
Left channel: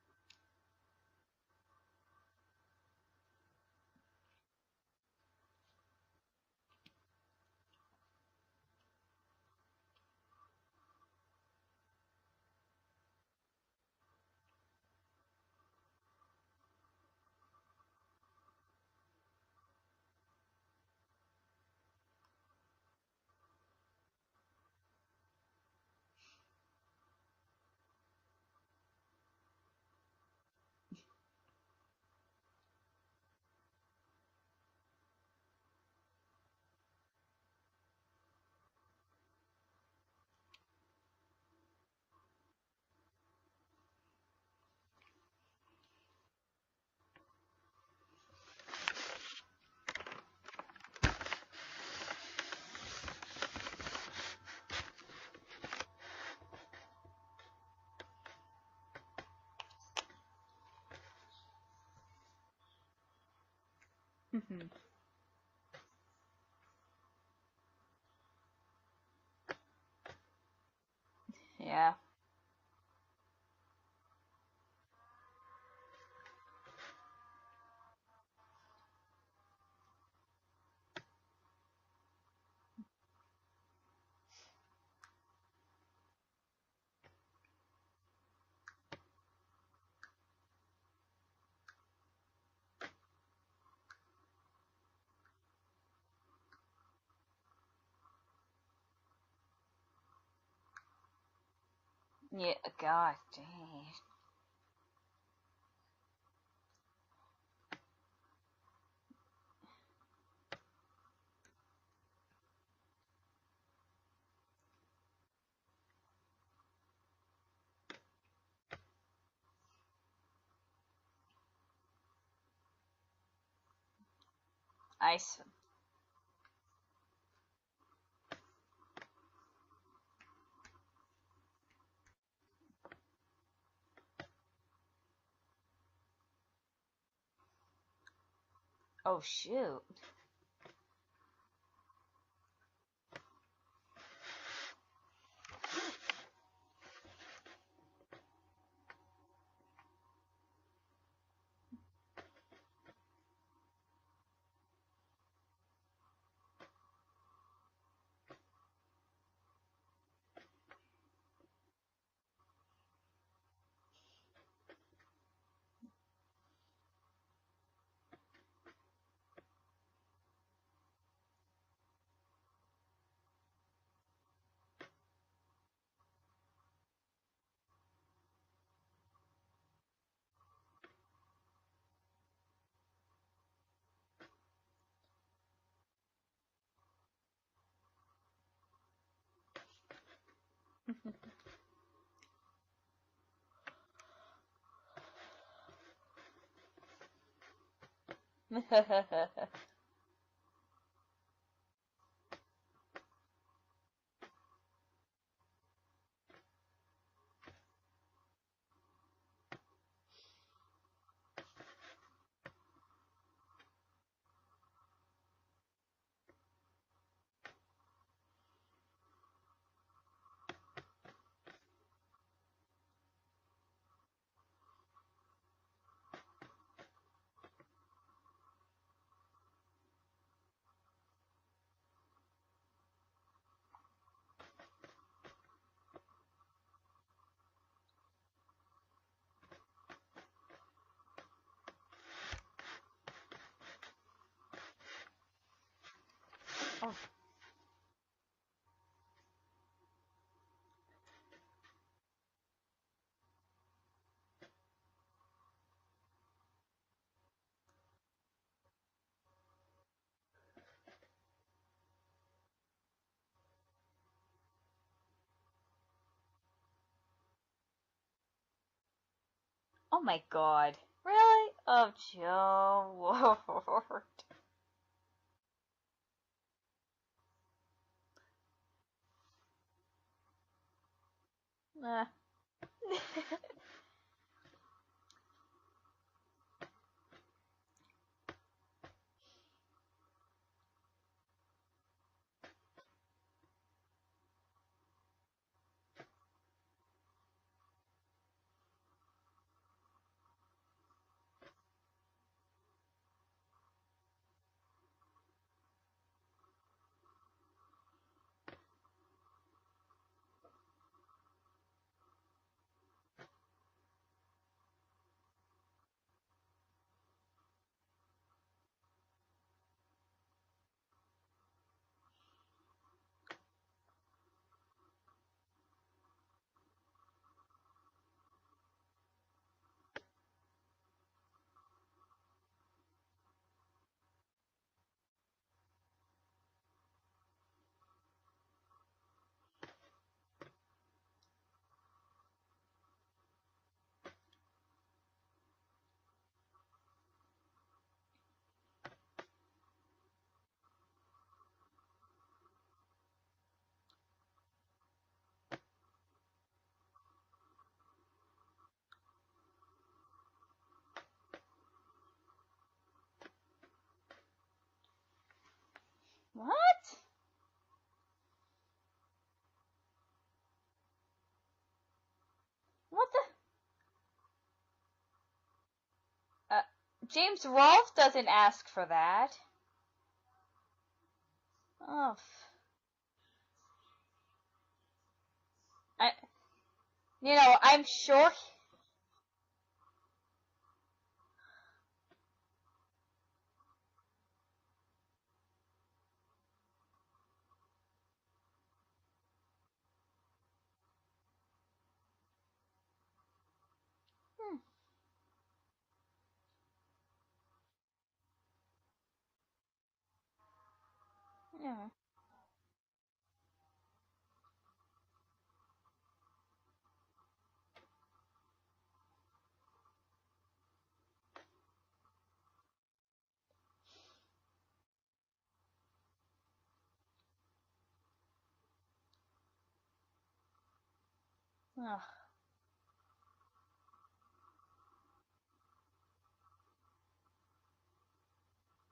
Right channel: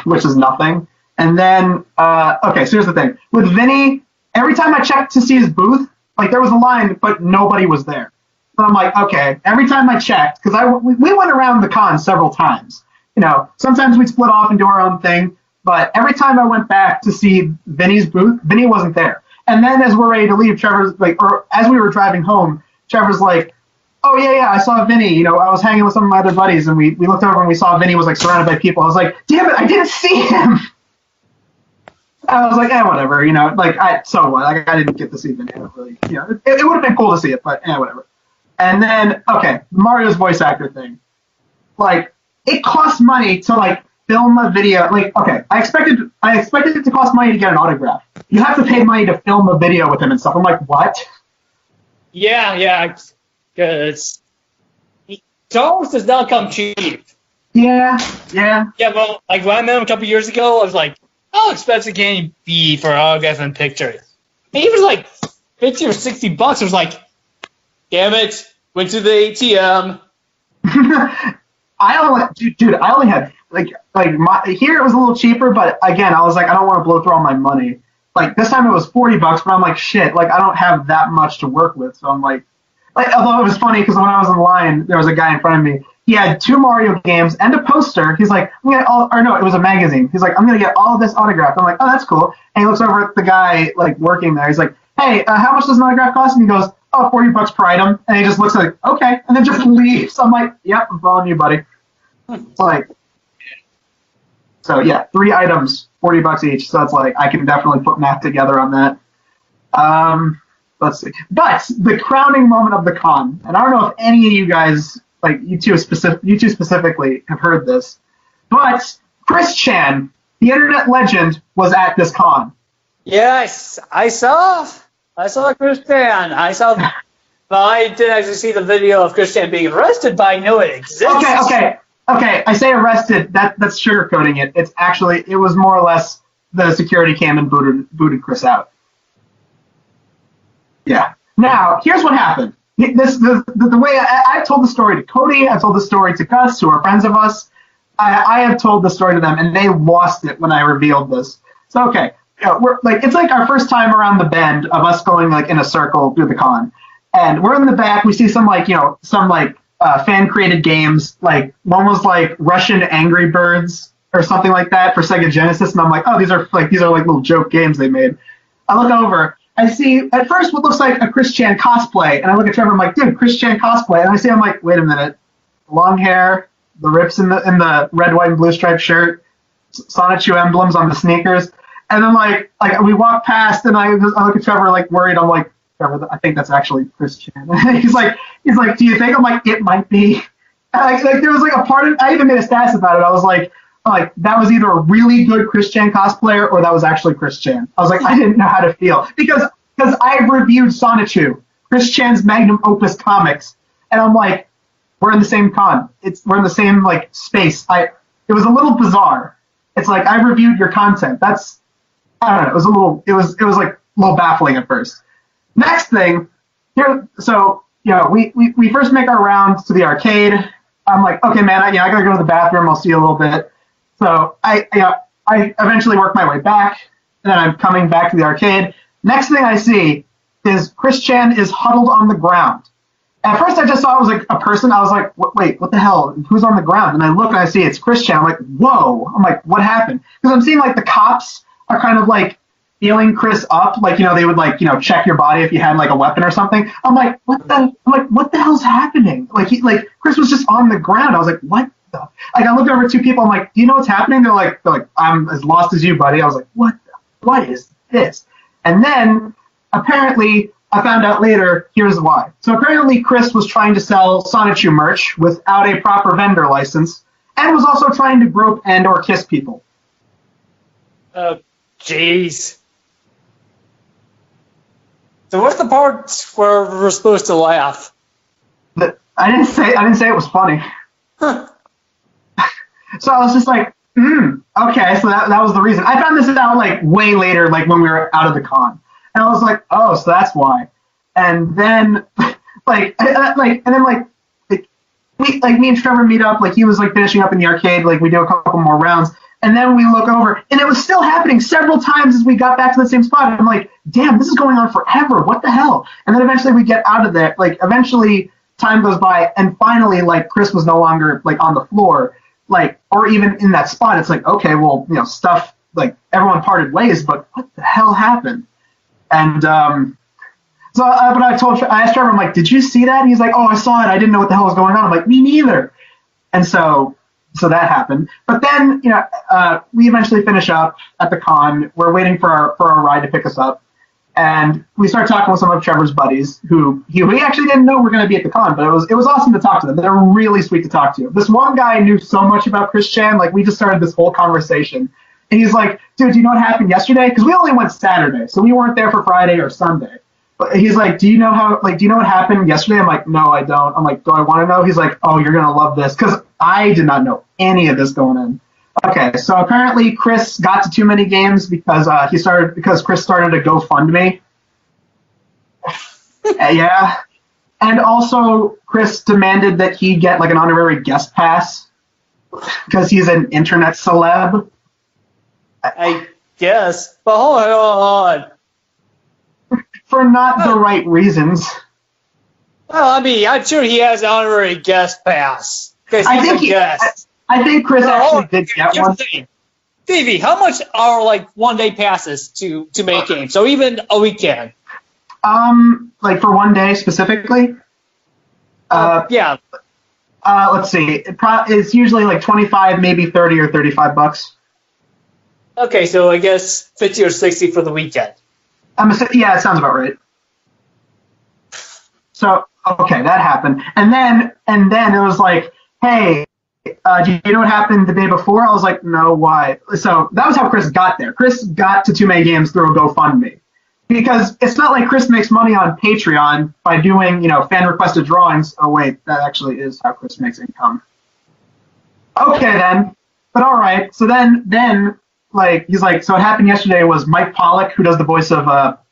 which is nothing. And then, okay, so here's the thing. With Vinny, every time I checked to see his booth, like there was a line, but nobody was there. So I'm like, okay, every time I checked, because we went around the con several times. You know, sometimes we'd split off and do our own thing, but every time I went back to see Vinny's booth, Vinny wasn't there. And then as we're ready to leave, Trevor's like, or as we were driving home, Trevor's like, oh yeah, I saw Vinny. You know, I was hanging with some of my other buddies, and we looked over and we saw Vinny was like surrounded by people. I was like, damn it, I didn't see him. I was like, whatever, you know, like so what? Like I didn't get to see Vinny. Really, you know, it would have been cool to see it, but whatever. And then okay, Mario's voice actor thing, like it costs money to like film a video. Like okay, I expected it to cost money to get an autograph. You have to pay money to film a video with him and stuff. I'm like, what? Yeah, because Charles does not come cheap. Yeah. Yeah, well, like when I met him a couple years ago, I was like, how expensive can he be for autographs and pictures? And he was like $50 or $60. I was like, damn it, went to the ATM. I only had here it was a little cheaper, but again, I was like, I don't want to blow through all my money. Like this time it was $40, but I'm like, shit, like I don't have that much to work with, so I'm like, although it was funny because when I was in line, there was a guy in front of me. He had 2 Mario games and a poster. He's like, it was a magazine. He's like, I'm gonna get all of this autographed. I'm like, oh, that's cool. And he looks over at the guy like working there. He's like, hey, how much does an autograph cost? And he goes, oh, $40 per item. And he just looks like, okay, and then just leaves. I'm like, yep, I'm following you, buddy. Yeah, like, so yeah, 3 items, $40 each. So it's like I can definitely put math together on that. Let's see. But the crowning moment of the con, and I don't know if any of you guys, like you two specifically, have heard this, but Chris Chan, the internet legend, was at this con. Yes, I saw Chris Chan. But I didn't actually see the video of Chris Chan being arrested, but I know it exists. Okay. I say arrested. That's sugarcoating it. It's actually, it was more or less the security came and booted Chris out. Oh shoot. Yeah. Now, here's what happened. The way I've told the story to Cody, I've told the story to Gus, who are friends of us. I have told the story to them, and they lost it when I revealed this. So, okay. We're like, it's like our first time around the bend of us going like in a circle through the con. And we're in the back. We see some fan created games. Like one was like Russian Angry Birds or something like that for Sega Genesis. And I'm like, oh, these are like little joke games they made. I look over. I see at first what looks like a Chris Chan cosplay. And I look at Trevor. I'm like, dude, Chris Chan cosplay. And I see, I'm like, wait a minute. Long hair, the rips in the red, white, and blue striped shirt, Sonichu emblems on the sneakers. And then like we walk past, and I look at Trevor like worried. I'm like, Trevor, I think that's actually Chris Chan. he's like, do you think? I'm like, it might be. And like there was like a part of, I even made a status about it. I was like that was either a really good Chris Chan cosplayer or that was actually Chris Chan. I was like, I didn't know how to feel because I reviewed Sonichu, Chris Chan's magnum opus comics, and I'm like, we're in the same con. We're in the same like space. It was a little bizarre. It's like I reviewed your content. I don't know. It was like a little baffling at first. Next thing, here, so we first make our rounds to the arcade. I'm like, okay, man, I gotta go to the bathroom. I'll see you a little bit. So I eventually work my way back, and then I'm coming back to the arcade. Next thing I see is Chris Chan is huddled on the ground. At first, I just thought it was like a person. I was like, wait, what the hell? Who's on the ground? And I look and I see it's Chris Chan. I'm like, whoa. I'm like, what happened? Because I'm seeing like the cops are kind of like feeling Chris up, like they would like check your body if you had like a weapon or something. I'm like, what the hell's happening? Like Chris was just on the ground. I was like, what the? Like I looked over at 2 people. I'm like, do you know what's happening? They're like, I'm as lost as you, buddy. I was like, what is this? And then apparently I found out later, here's why. So apparently Chris was trying to sell Sonichu merch without a proper vendor license, and was also trying to grope and or kiss people. Oh my god. Oh, Really? jeez. Oh, Lord. So what's the part where we're supposed to laugh? I didn't say it was funny. Huh. So I was just like, okay, so that was the reason. I found this out like way later, like when we were out of the con. And I was like, oh, so that's why. And then me and Trevor meet up, like he was like finishing up in the arcade, like we do a couple more rounds. And then we look over, and it was still happening several times as we got back to the same spot. And I'm like, damn, this is going on forever. What the hell? And then eventually we get out of there. Like, eventually time goes by, and finally, like, Chris was no longer, like, on the floor, like, or even in that spot. It's like, okay, well, you know, stuff, like, everyone parted ways, but what the hell happened? And but I asked Trevor, I'm like, did you see that? And he's like, oh, I saw it. I didn't know what the hell was going on. I'm like, me neither. And so that happened. But then, you know, we eventually finish up at the con. We're waiting for our ride to pick us up. And we start talking with some of Trevor's buddies who he actually didn't know we're going to be at the con, but it was awesome to talk to them. They're really sweet to talk to. This one guy knew so much about Chris Chan. Like, we just started this whole conversation. And he's like, dude, do you know what happened yesterday? Because we only went Saturday, so we weren't there for Friday or Sunday. But he's like, do you know what happened yesterday? I'm like, no, I don't. I'm like, do I want to know? He's like, oh, you're going to love this. Because I did not know any of this going in. Okay, so apparently Chris got to too many games because Chris started a GoFundMe. Yeah. And also Chris demanded that he get like an honorary guest pass because he's an internet celeb. I guess. But hold on. Didn't ask for that. For not the right reasons. Oh. Well, I mean, I'm sure he has an honorary guest pass. Because he's a guest. I think Chris actually did get one. Stevie, how much are like 1-day passes to make games? So even a weekend. Like for 1 day specifically. Yeah. Let's see. It's usually like 25, maybe 30 or $35. Okay, so I guess 50 or 60 for the weekend. Yeah, it sounds about right. So okay, that happened, and then it was like, hey. Do you know what happened the day before? I was like, no, why? So that was how Chris got there. Chris got to Too Many Games through a GoFundMe. Because it's not like Chris makes money on Patreon by doing, you know, fan-requested drawings. Oh, wait, that actually is how Chris makes income. Okay, then. But all right. So then, like, he's like, so what happened yesterday was Mike Pollock, who does the voice of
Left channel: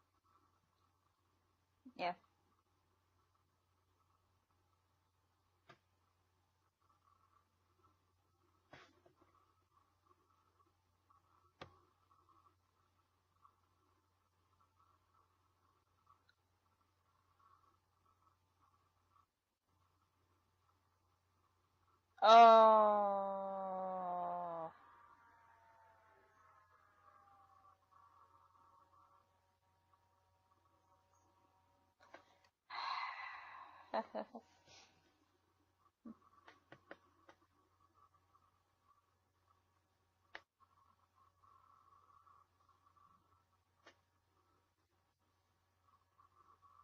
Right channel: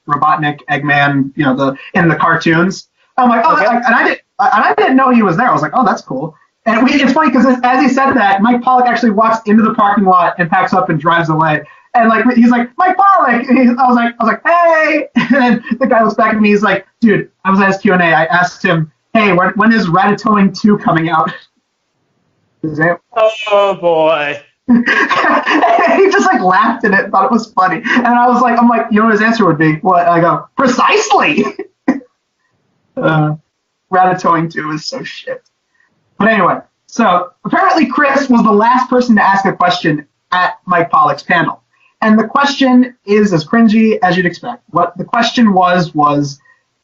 Robotnik, Eggman, you know, in the cartoons. I'm like, oh, okay. And I didn't know he was there. I was like, oh, that's cool. And it's funny because as he said that, Mike Pollock actually walks into the parking lot and packs up and drives away. And like he's like, Mike Pollock. And I was like, hey. And then the guy looks back at me. He's like, dude, I was at his Q&A. I asked him, hey, when is Ratatouille 2 coming out? Oh boy. He just like laughed at it and thought it was funny. And I'm like, you know what his answer would be? What? I go, precisely. Ratatouille 2 is so shit. But anyway, so apparently Chris was the last person to ask a question at Mike Pollock's panel. And the question is as cringy as you'd expect. What the question was,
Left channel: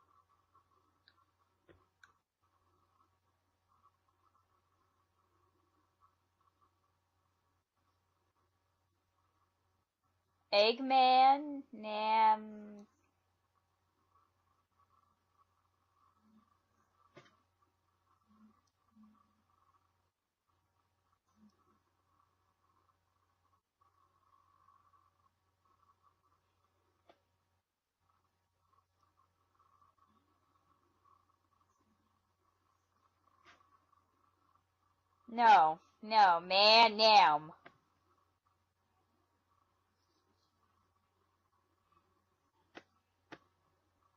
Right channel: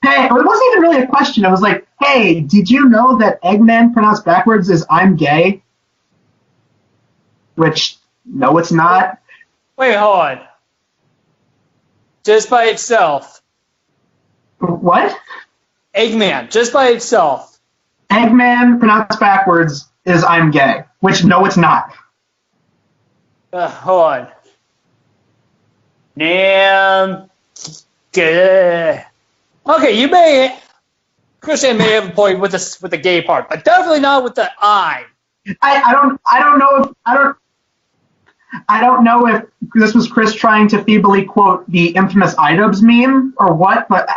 hey, or it wasn't even really a question. It was like, hey, did you know that Eggman pronounced backwards is I'm gay? Which, no, it's not. Wait, hold on. Eggman? Nah. Just by itself. What? Eggman, just by itself. Eggman pronounced backwards is I'm gay, which no, it's not. Hold on. Damn. Good. Okay, Christian may have a point with the gay part, but definitely not with the I. No. I don't know if this was Chris trying to feebly quote the infamous iDubbbz meme or what, but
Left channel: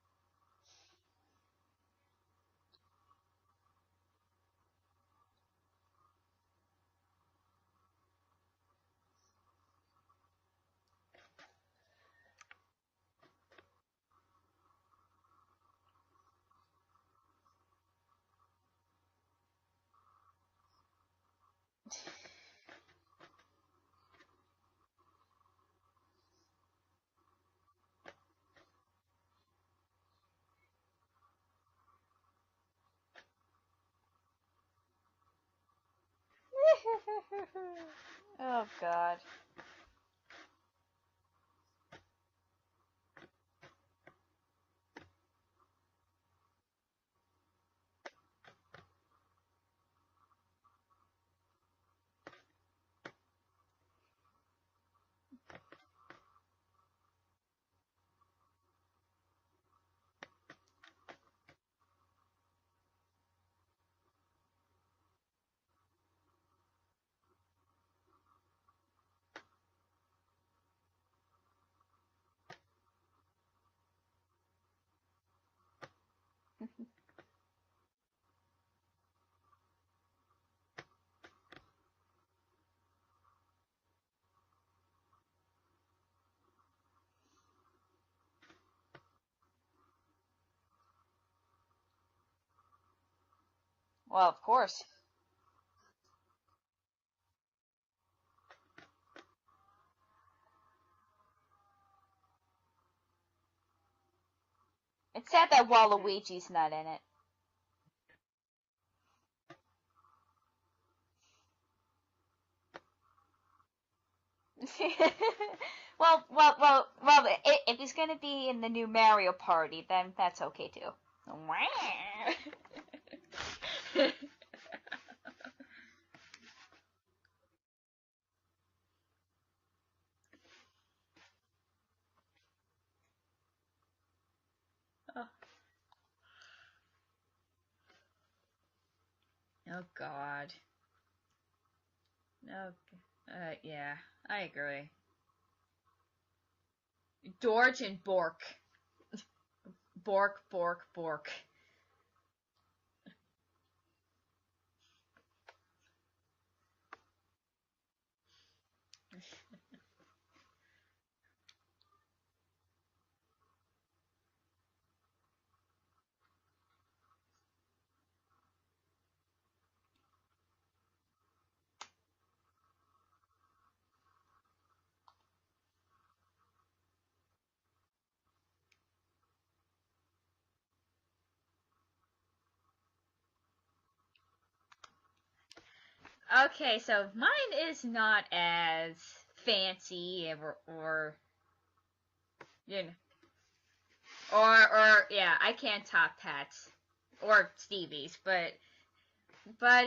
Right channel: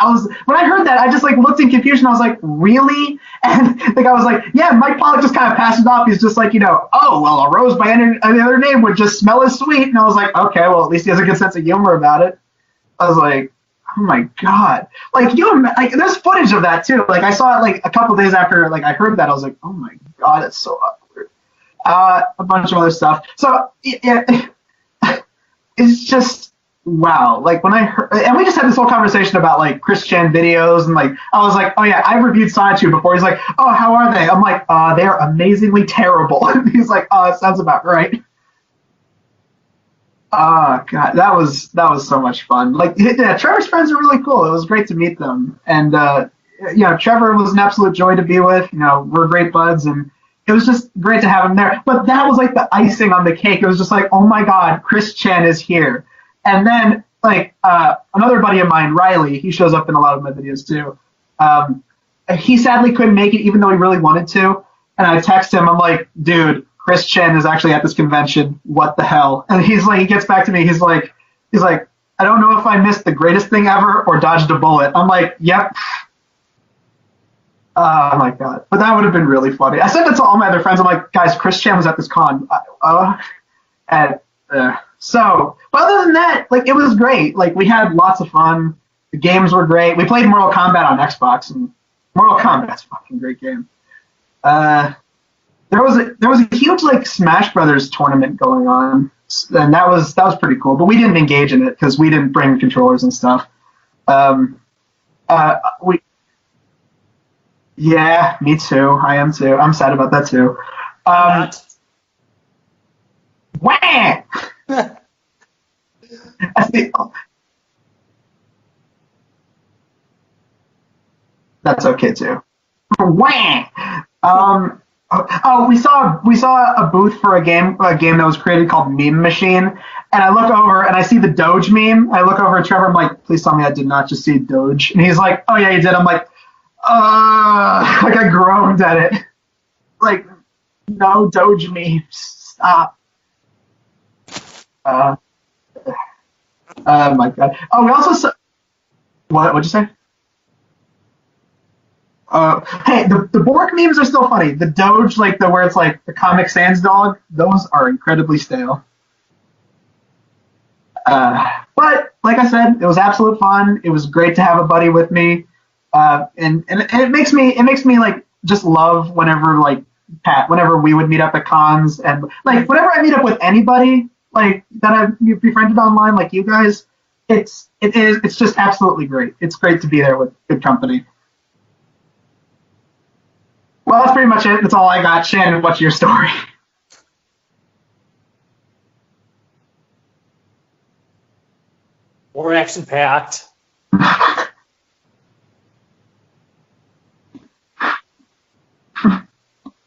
I was, when I heard that, I just like looked in confusion. I was like, really? And the guy was like, yeah, Mike Pollock just kind of passes off. He's just like, you know, oh, well, a rose by any other name would just smell as sweet. And I was like, okay, well, at least he has a good sense of humor about it. I was like, oh my God. Like, there's footage of that too. Like, I saw it like a couple days after like I heard that. I was like, oh my God, it's so awkward. A bunch of other stuff. So, yeah, it's just, wow, like when I heard, and we just had this whole conversation about like Chris Chan videos, and like I was like, oh yeah, I've reviewed Sonichu before. He's like, oh, how are they? I'm like, they're amazingly terrible. He's like, oh, that sounds about right. Oh God. Oh god, that was so much fun. Like, yeah, Trevor's friends are really cool. It was great to meet them, and Trevor was an absolute joy to be with. We're great buds, and it was just great to have him there. But that was like the icing on the cake. It was just like, oh my god, Chris Chan is here. And then like another buddy of mine, Riley, he shows up in a lot of my videos too. Um, he sadly couldn't make it, even though he really wanted to. And I text him, I'm like, dude, Chris Chen is actually at this convention. What the hell? And he's like, he gets back to me. He's like, I don't know if I missed the greatest thing ever or dodged a bullet. I'm like, yep. Oh my god. But that would have been really funny. I said that to all my other friends. I'm like, guys, Chris Chen was at this con. And but other than that, like, it was great. Like, we had lots of fun. The games were great. We played Mortal Kombat on Xbox, and Mortal Kombat's a fucking great game. Well. There was a huge like Smash Brothers tournament going on, and that was pretty cool. But we didn't engage in it because we didn't bring controllers and stuff. It's sad that Waluigi's not in it. Yeah, me too. I am too. I'm sad about that too. Wah! well, if he's gonna be in the new Mario Party, then that's okay too. That's okay too. Wah! Oh, we saw a booth for a game that was created called Meme Machine, and I look over and I see the Doge meme. I look over at Trevor. I'm like, please tell me I did not just see Doge. And he's like, oh yeah, you did. I'm like, like I groaned at it. Oh God. Like, no Doge memes. Stop. Yeah, I agree. Oh my god. Oh, we also saw. What'd you say? Bork. Hey, the Bork memes are still funny. The Doge, like where it's like the Comic Sans dog, those are incredibly stale. But like I said, it was absolute fun. It was great to have a buddy with me, and it makes me like just love whenever like whenever we would meet up at cons, and like whenever I meet up with anybody like that I've befriended online, like you guys, it's just absolutely great. It's great to be there with good company. Well, that's pretty much it. That's all I got. Shannon, what's your story? Okay, so mine is not as fancy Or actually packed. or yeah, I can't top Pat's or Stevie's, but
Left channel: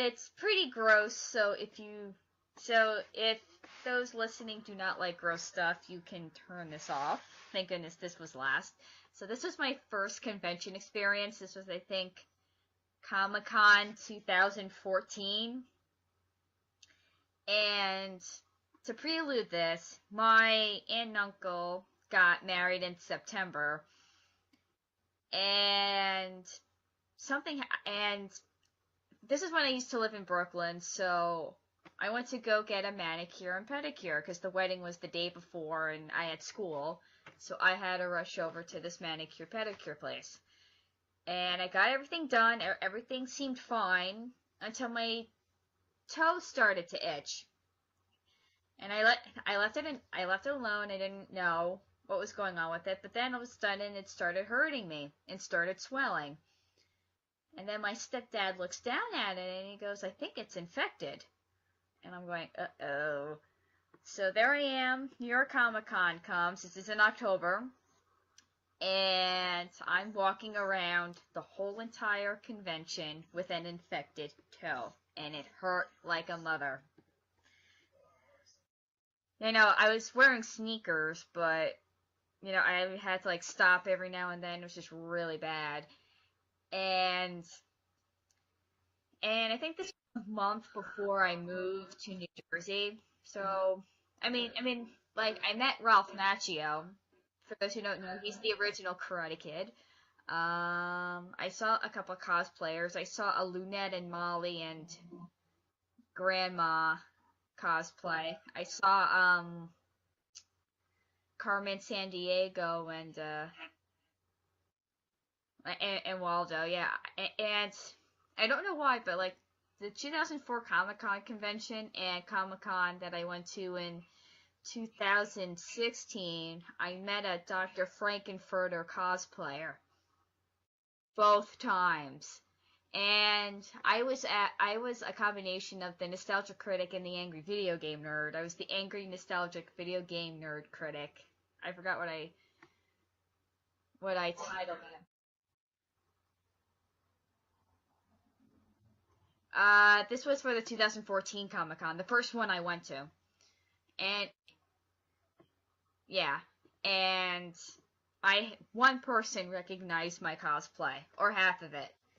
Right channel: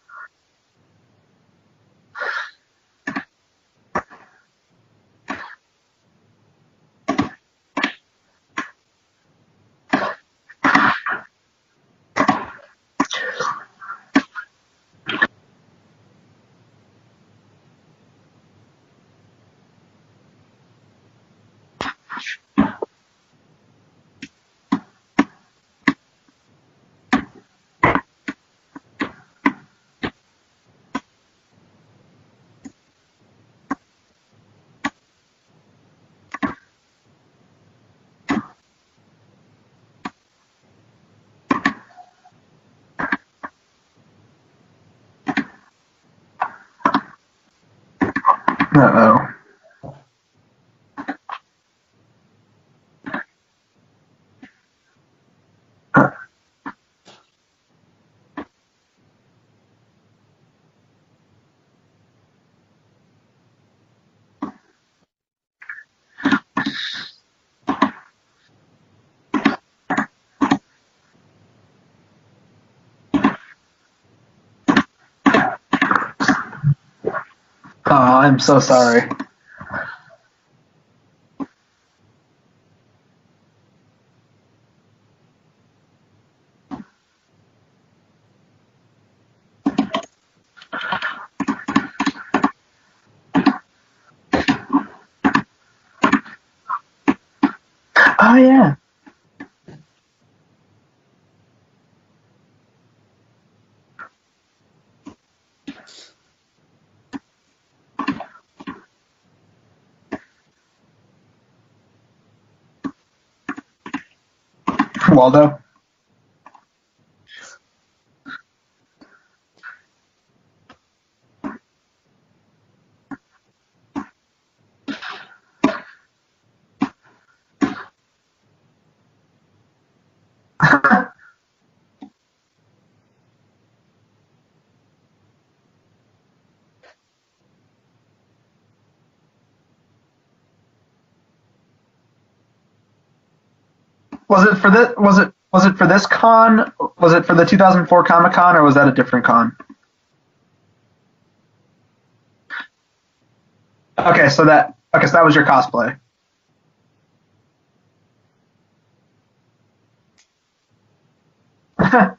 it's pretty gross. So if those listening do not like gross stuff, you can turn this off. Thank goodness this was last. So this was my first convention experience. This was, I think, Comic-Con 2014. And to prelude this, my aunt and uncle got married in September. And this is when I used to live in Brooklyn, so I went to go get a manicure and pedicure because the wedding was the day before and I had school. So I had to rush over to this manicure pedicure place. And I got everything done. Everything seemed fine until my toe started to itch. Uh-oh. I left it alone. I didn't know what was going on with it. But then all of a sudden it started hurting me and started swelling. And then my stepdad looks down at it and he goes, I think it's infected. And I'm going, uh-oh. So there I am. New York Comic Con comes. It was in October. And I'm walking around the whole entire convention with an infected toe. And it hurt like a mother. Oh, I'm so sorry. I was wearing sneakers, but, I had to, stop every now and then. It was just really bad. And I think this was a month before I moved to New Jersey. So, I met Ralph Macchio. For those who know, Oh, the yeah. original Karate Kid. I saw a couple of cosplayers. I saw a Lunette and Molly and Grandma cosplay. I saw Carmen Sandiego Waldo? and Waldo, yeah. And I don't know why, but the 2004 Comic-Con convention and Comic-Con that I went to in 2016, I met a Dr. Frankenfurter cosplayer. Both times. And I was a combination of the nostalgic critic and the angry video game nerd. I was the angry nostalgic video game nerd critic. I forgot what I Was did. it for this? Was it for this con? Was it for the 2004 Comic Con, or was that a different con? This was for the 2014 Comic Con, the first one I went to. Okay, so that was your cosplay. Yeah, and one person recognized my cosplay, or half of it.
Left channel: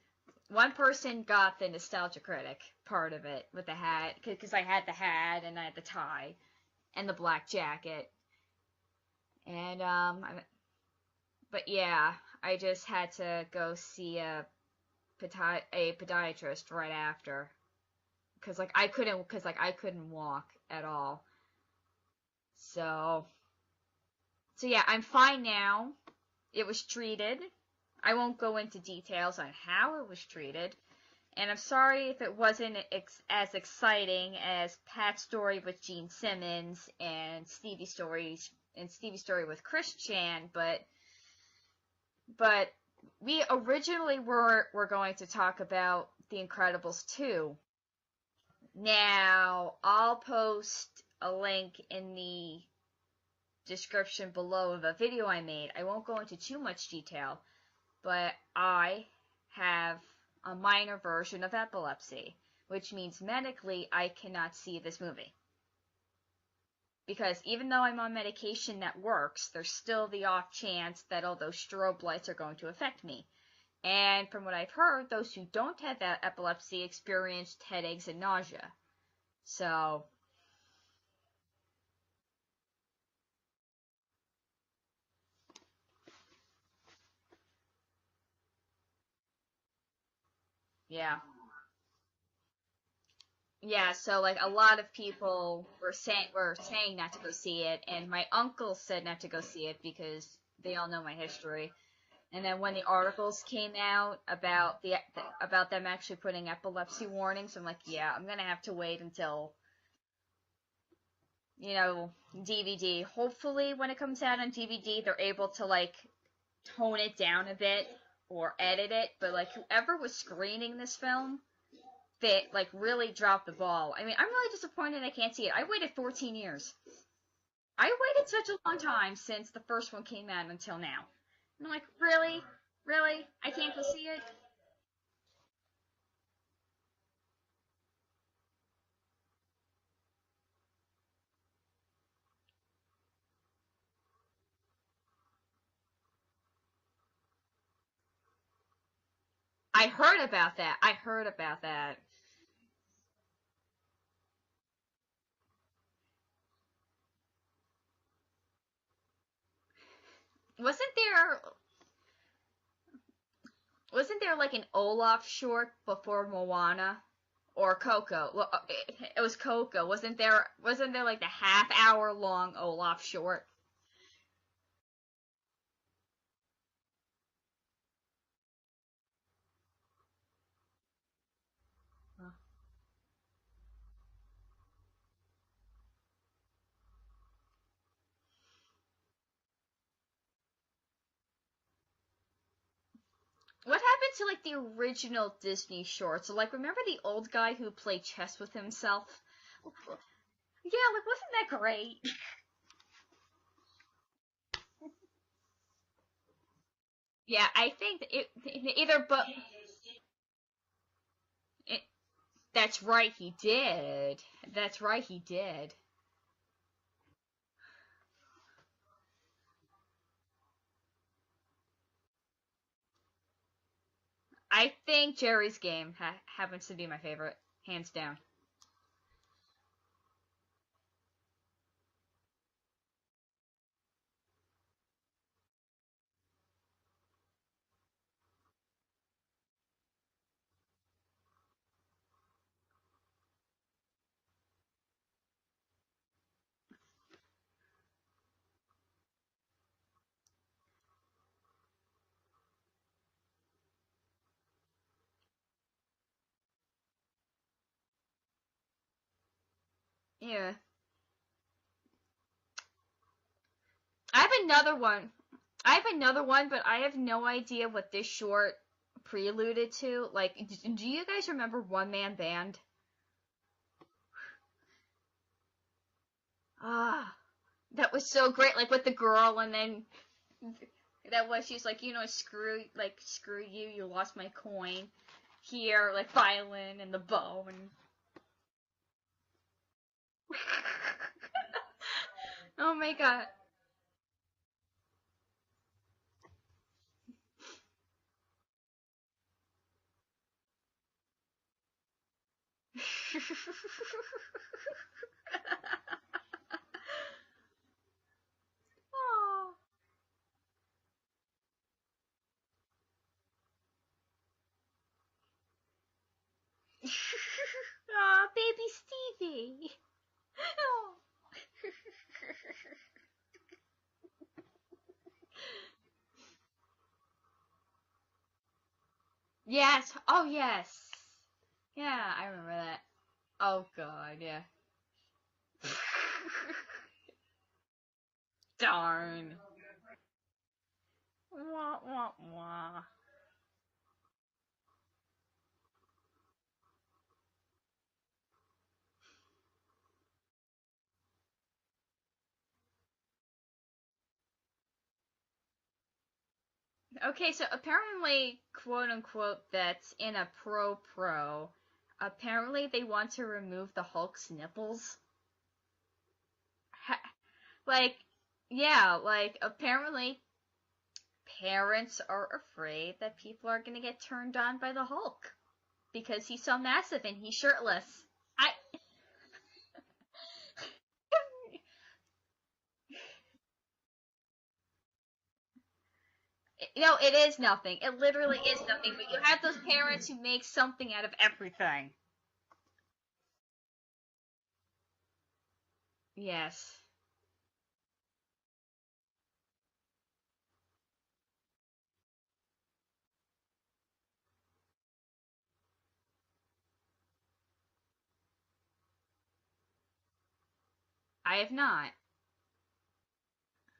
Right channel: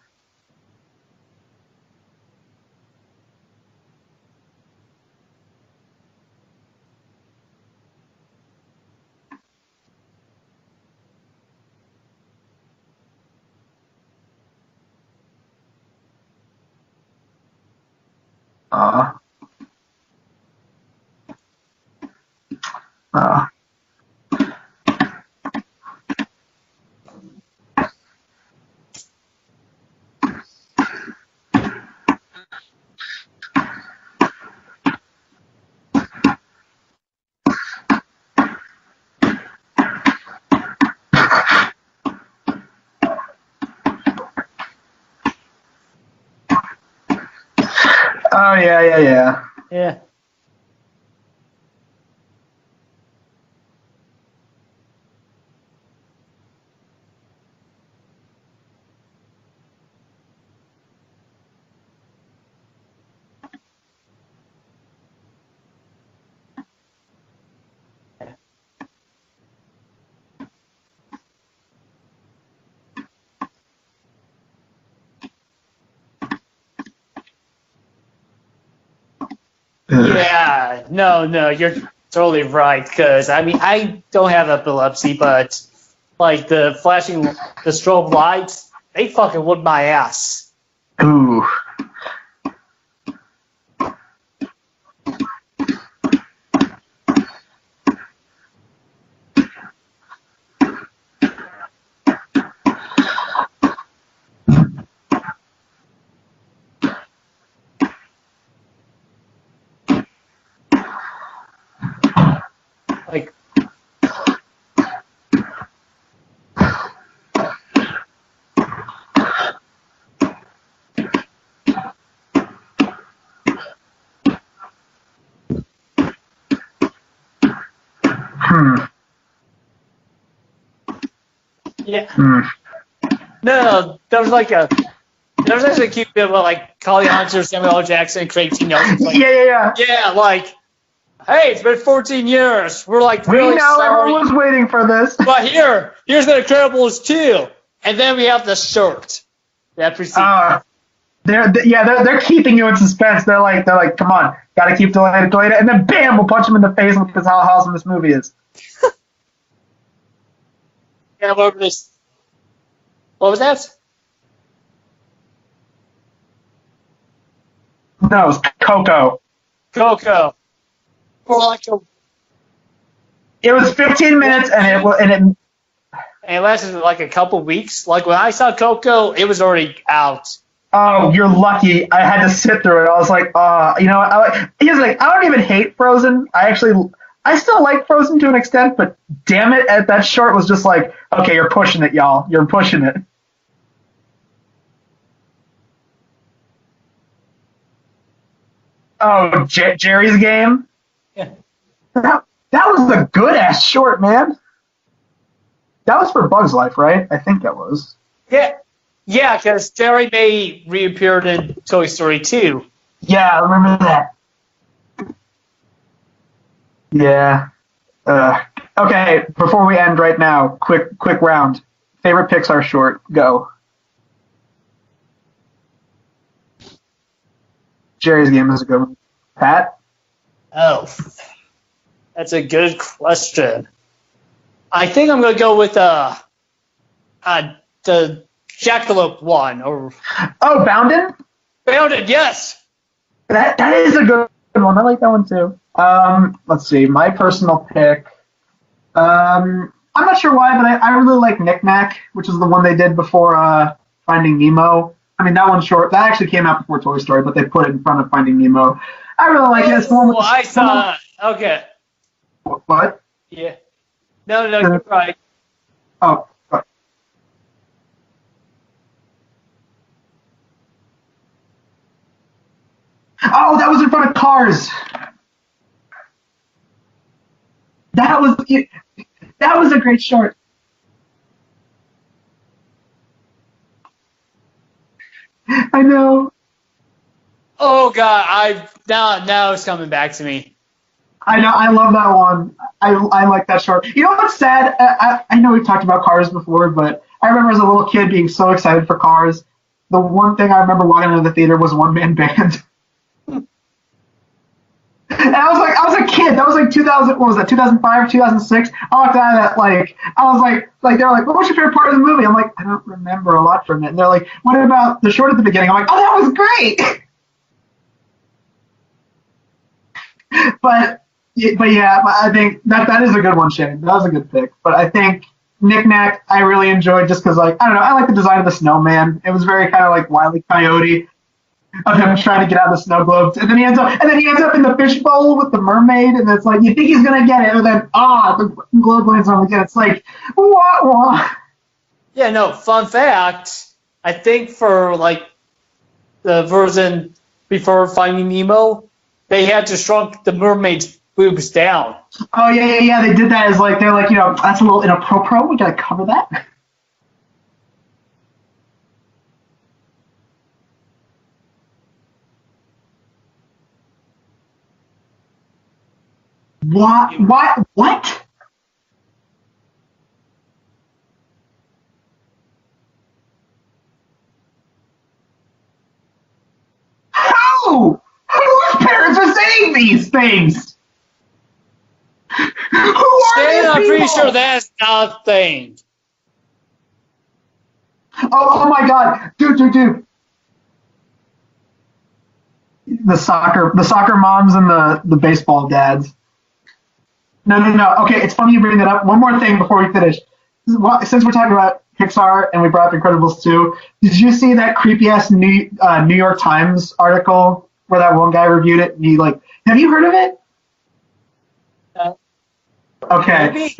One person got the nostalgia critic part of it with the hat, because I had the hat and I had the tie and the black jacket. And but yeah, I just had to go see a podiatrist right after, because I couldn't walk at all. So yeah, I'm fine now. It was treated. I won't go into details on how it was treated, and I'm sorry if it wasn't as exciting as Pat's story with Gene Simmons and Stevie's story with Chris Chan, but we originally were going to talk about The Incredibles 2. Oh yeah. I'll post a link in the description below of a video I made. I won't go into too much detail, but I have a minor version of epilepsy, which means medically I cannot see this movie. Because even though I'm on medication that works, there's still the off chance that all those strobe lights are going to affect me. And from what I've heard, those who don't have that epilepsy experienced headaches and nausea. So Yeah, no, you're totally right. Because I don't have epilepsy, but like the strobe lights, they fucking whooped my ass. yeah. Ooh. Yeah, so like a lot of people were saying not to go see it, and my uncle said not to go see it because we all know my history. And then when the articles came out about them actually putting epilepsy warnings, I'm like, yeah, I'm gonna have to wait until DVD. Hopefully, when it comes out on DVD, they're able to like tone it down a bit or edit it. Like, whoever was screening this film, they like really dropped the ball. I mean, I'm really disappointed I can't see it. I waited 15 years. I waited such a long time since the first one came out until now. I'm like, really? No, there was actually a cute bit about like Collie Hunter, Samuel L. Jackson, Craig T. Nelson. Like, yeah, like, hey, it's been 14 years. We're like, really we know sorry. everyone was waiting for this. But here's The Incredibles 2, and then we have the shirt. I heard They're keeping you in suspense. They're like, come on, gotta keep delaying it, and then bam, we'll punch him in the face with how awesome this movie is. Wasn't there? What was that? Wasn't there like an Olaf short before Moana, or Coco? No, it was Coco. It was Coco. Coco. Wasn't there like that half-hour-long Olaf short? It was 15 minutes, and it lasted like a couple weeks. Like when I saw Coco, it was already out. Oh, you're lucky. I had to sit through it. I was like, he's like, I don't even hate Frozen. I still like Frozen to an extent, but damn it, that short was just like, okay, you're pushing it, y'all. You're pushing it. What happened to like the original Disney shorts? So like, remember the old guy who played chess with himself? Oh, Jerry's Game? Yeah, like wasn't that great? That was a good ass short, man. That was for Bug's Life, right? I think that was. Yeah, because Jerry May reappeared in Toy Story 2. That's right. Yeah, I remember that. That's right, he did. Yeah. Okay, before we end right now, quick round. Favorite Pixar short, go. I think Jerry's Game happens to be my favorite, hands down. Jerry's Game is a good one. Pat? Oh, that's a good question. I think I'm gonna go with the Jackalope one. Oh, Bounded? Bounded, yes. That is a good one. I like that one too. Let's see. My personal pick. I'm not sure why, but I really like Knick Knack, which is the one they did before Finding Nemo. I mean, that one's short. That actually came out before Toy Story, but they put it in front of Finding Nemo. I really like it. It's the one with Okay. What? Yeah. I have No, another you're one. right. I have another one, but I have no idea what this short preluded to. Like, do you guys remember One Man Band? Oh, that was in front of Cars. Ah, that was That so was great. the- Like with the girl. That was a great short. That was. She's like, screw you. You lost my coin. I know. The violin and the bow. And Oh God, now it's coming back to me. I know. I love that one. Oh my God. I like that short. You know what's sad? I know we've talked about Cars before, but I remember as a little kid being so excited for Cars. The one thing I remember walking into the theater was One Man Band. And I was a kid. That was like 2000. What was that? 2005, 2006. I walked out of that I was like they're like, what was your favorite part of the movie? I'm like, I don't remember a lot from it. And they're like, what about the short at the beginning? I'm like, oh, that was great. Aw, baby Stevie. but yeah, I think that is a good one, Shane. That was a good pick. But I think Knick Knack I really enjoyed just because I don't know, I like the design of the snowman. It was very kind of like Wile E. Coyote. Of him trying to get out of the snow globes, and then he ends up in the fishbowl with the mermaid, and it's like you think he's gonna get it, and then the globe lands on him again. It's like wah. Yeah, no. Fun fact: I think for like the version before Finding Nemo, they had to shrunk the mermaid's boobs down. Oh yeah. They did that as like they're like that's a little inappropriate. We gotta cover that. Okay, so apparently, quote unquote, that's in a pro. Apparently, they want to remove the Hulk's nipples. What? What? Yeah, like apparently, parents are afraid that people are gonna get turned on by the Hulk because he's so massive and How? Whose parents are saying these things? Who are Shane, these I'm pretty people? sure that's not a thing. No, it is nothing. It literally. Oh my God, dude. To make something out of everything. The soccer moms and the baseball dads. Yes. No. Okay, it's funny you bring that up. One more thing before we finish. Since we're talking about Pixar and we brought up Incredibles 2, did you see that creepy ass New York Times article where that one guy reviewed it? And he have you heard of it? I have not. Okay.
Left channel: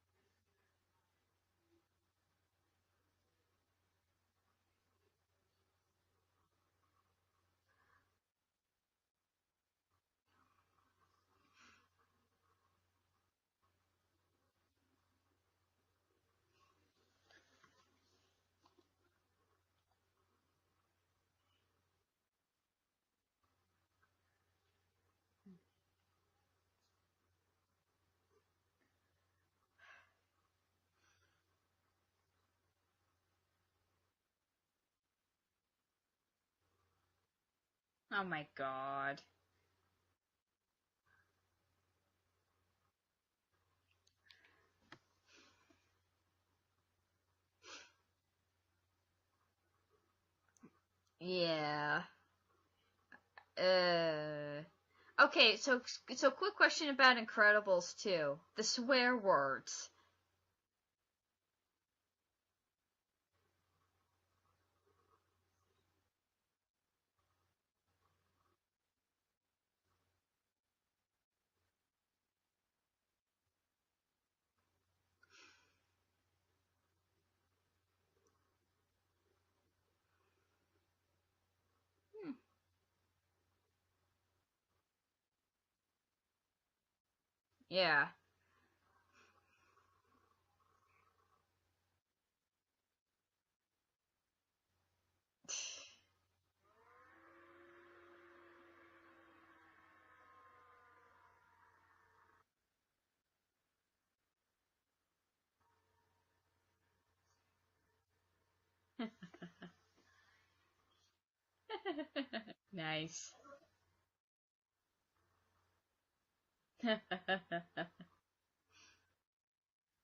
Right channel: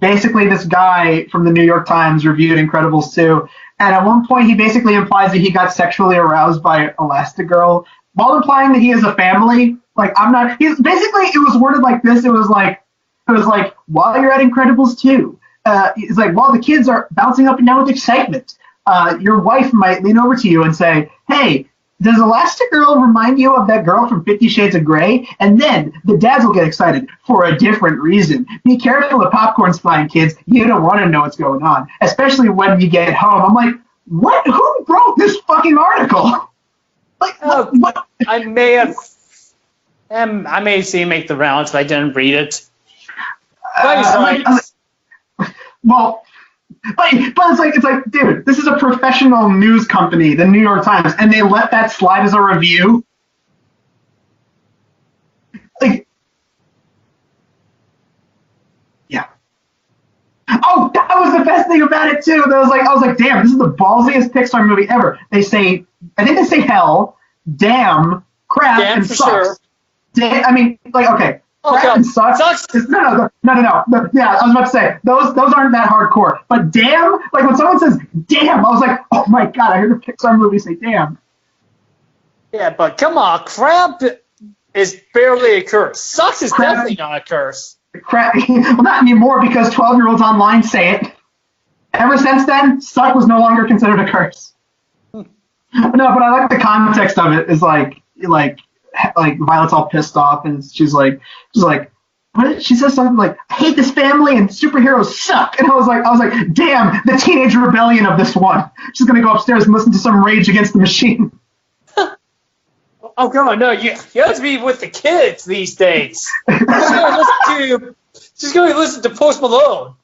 Basically, this guy from the New York Times reviewed Incredibles 2, and at one point he basically implies that he got sexually aroused by Elastigirl, while implying that he has a family. Like, I'm not. He's basically, it was worded like this. It was like while you're at Incredibles 2, it's like while the kids are bouncing up and down with excitement, your wife might lean over to you and say, "Hey, does Elastigirl remind you of that girl from 50 Shades of Grey?" And then the dads will get excited for a different reason. Be careful of popcorn's flying, kids. You don't want to know what's going on, especially when you get home. I'm like, what? Who wrote this fucking article? Like, what? I may have seen it make the rounds, but I didn't read it. But he's right. Well, but it's like, dude, this is a professional news company, the New York Times, and they let that slide as a review. Okay, so quick question about Incredibles 2. The swear words. Oh, that was the best thing about it too. I was like, damn, this is the ballsiest Pixar movie ever. I think they say hell, damn, crap, and for sucks. sure. I mean, okay. Crap and sucks. No. Yeah, I was about to say those aren't that hardcore. But damn, like when someone says damn, I was like, oh my God, I heard a Pixar movie say damn. Yeah, but come on, crap is barely a curse. Sucks is definitely not a curse. Yeah. Crap. Well, not anymore because 12-year-olds online say it. Ever since then, suck was no longer considered a curse. No, but I like the context of it. Is like Violet's all pissed off and she's like, what? She says something like, I hate this family and superheroes suck. And I was like, damn, the teenage rebellion of this one. She's gonna go upstairs and listen to some Rage Against the Machine. Nice. Oh, come on, no, you have to be with the kids these days. She's going to listen to Post Malone.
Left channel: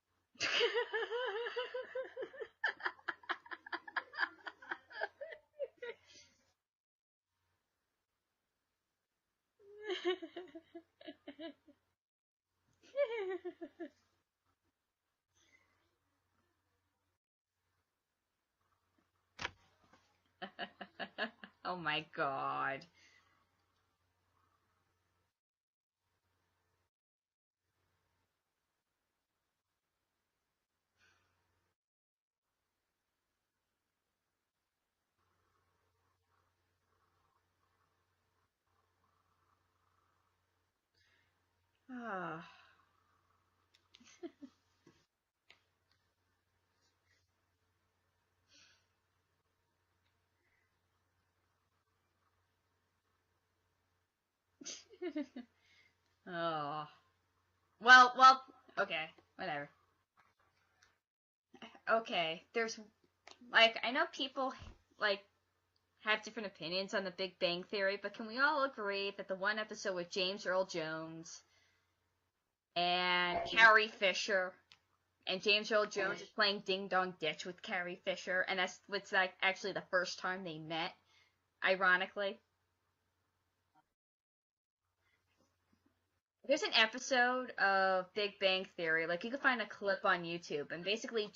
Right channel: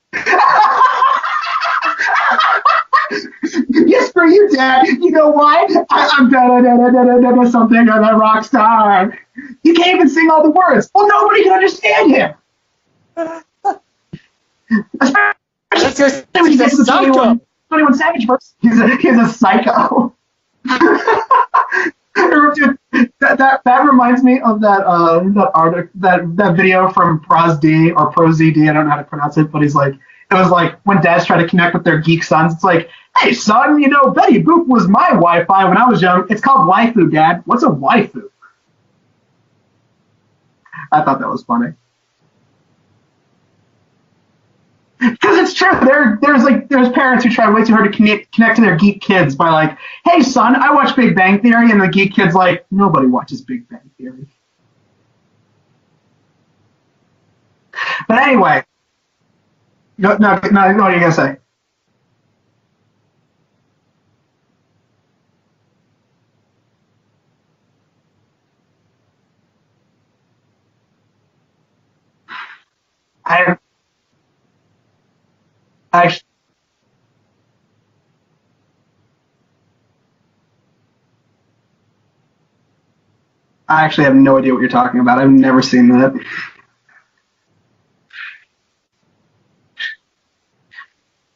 Yes, for you, Dad. You know why? I'm da something on that rock star. You can't even sing all the words. Well, nobody can understand him. That's just When he gets to the psycho. 21 Savage verse, he's a psycho. Oh my God. Dude, That reminds me of that article that video from ProzD or ProZD. I don't know how to pronounce it, but it was like when dads try to connect with their geek sons. It's like, hey son, Betty Boop was my Wi-Fi when I was young. It's called waifu, Dad. What's a waifu? I thought that was funny. Because it's true. There's parents who try way too hard to connect to their geek kids by like, hey son, I watch Big Bang Theory, and the geek kid's like, nobody watches Big Bang Theory. Oh. Well, But anyway. Okay, whatever. No, what are you gonna say? Okay, there's I know people have different opinions on the Big Bang Theory, but can we all agree that the one episode with James Earl Jones and Carrie Fisher, and James Earl Jones is playing Ding Dong Ditch with Carrie Fisher, and that's actually the first time they met, ironically. I actually have no idea what you're talking about. I've never seen that. There's an episode of Big Bang Theory, you can find a clip on YouTube, and basically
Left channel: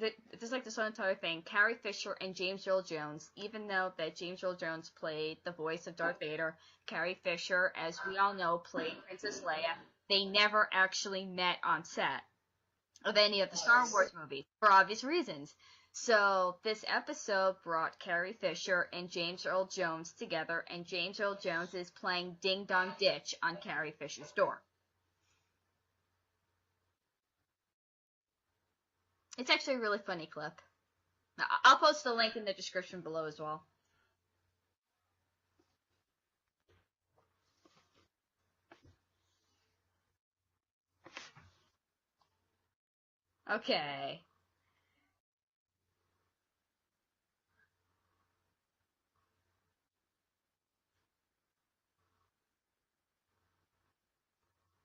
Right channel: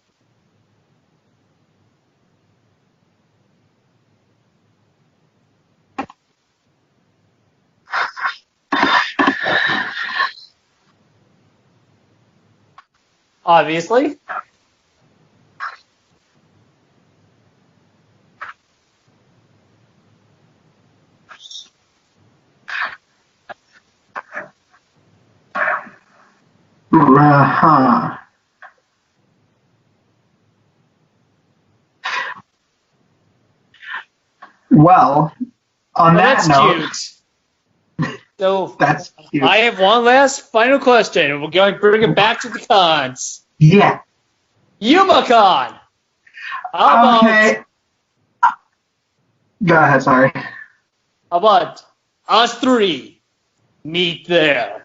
there's this whole entire thing, Carrie Fisher and James Earl Jones, even though that James Earl Jones played the voice of Darth Vader, Carrie Fisher, as we all know, played they never actually met on set of any of the Obviously. movies, for obvious reasons. So this episode brought Carrie Fisher and James Earl Jones together, and James Earl Jones is playing Ding Dong Ditch on Carrie Fisher's door. It's actually a really funny clip. I'll post the link in the description below as well. Well, on that that's note, cute. So that's cute. I have one last final question, and we're going to bring it back to the cons. Okay. Yeah. YumaCon. How Okay. Go ahead, sorry. about us three meet there?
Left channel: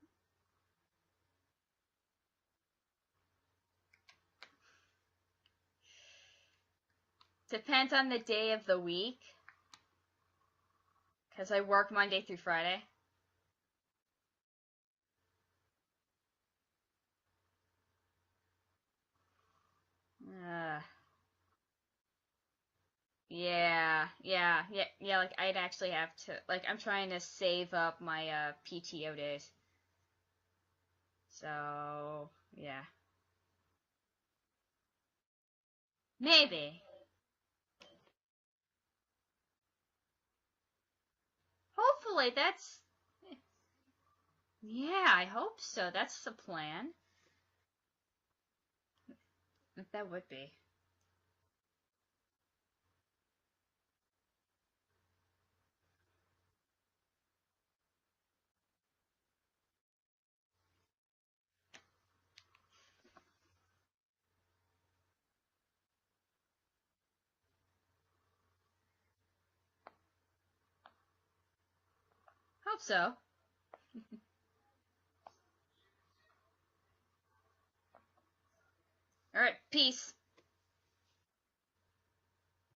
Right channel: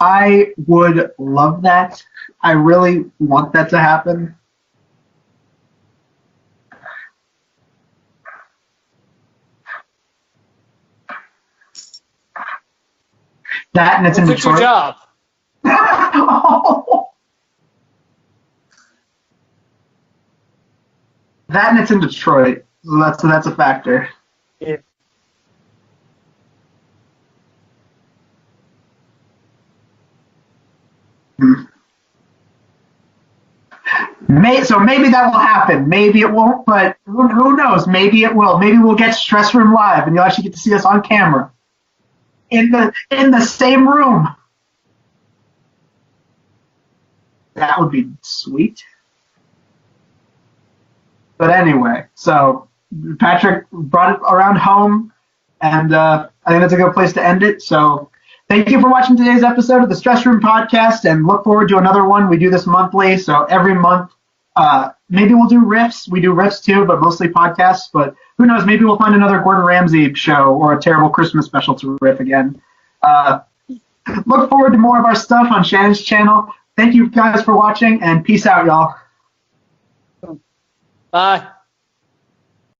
I would love that. I really want that to happen. Depends on the day of the week, because I work Monday through Friday. That and it's in What's your Detroit. job? That and it's in Detroit. So that's a factor. Yeah, I'd actually have to, I'm trying to save up my PTO days. So, yeah. So maybe that will happen. Maybe it won't, but who knows? Maybe it will. Maybe we'll get Stress Room Live, and you'll actually get to see us on camera. Hopefully, that's... In the same room. Yeah, I hope so. That's the plan. That would be sweet. That would be. But anyway, so Patrick brought it around home, and I think that's a good place to end it. So thank you for watching today's episode of the Stress Room Podcast, and look forward to another one. We do this monthly, so every month, maybe we'll do riffs. We do riffs too, but mostly podcasts. But who knows? Maybe we'll find another Gordon Ramsay show or a terrible Christmas special to riff again. Hope so. Look forward to more of our stuff on Shannon's channel. Thank you guys for watching, and peace out, y'all. All right, peace. Bye.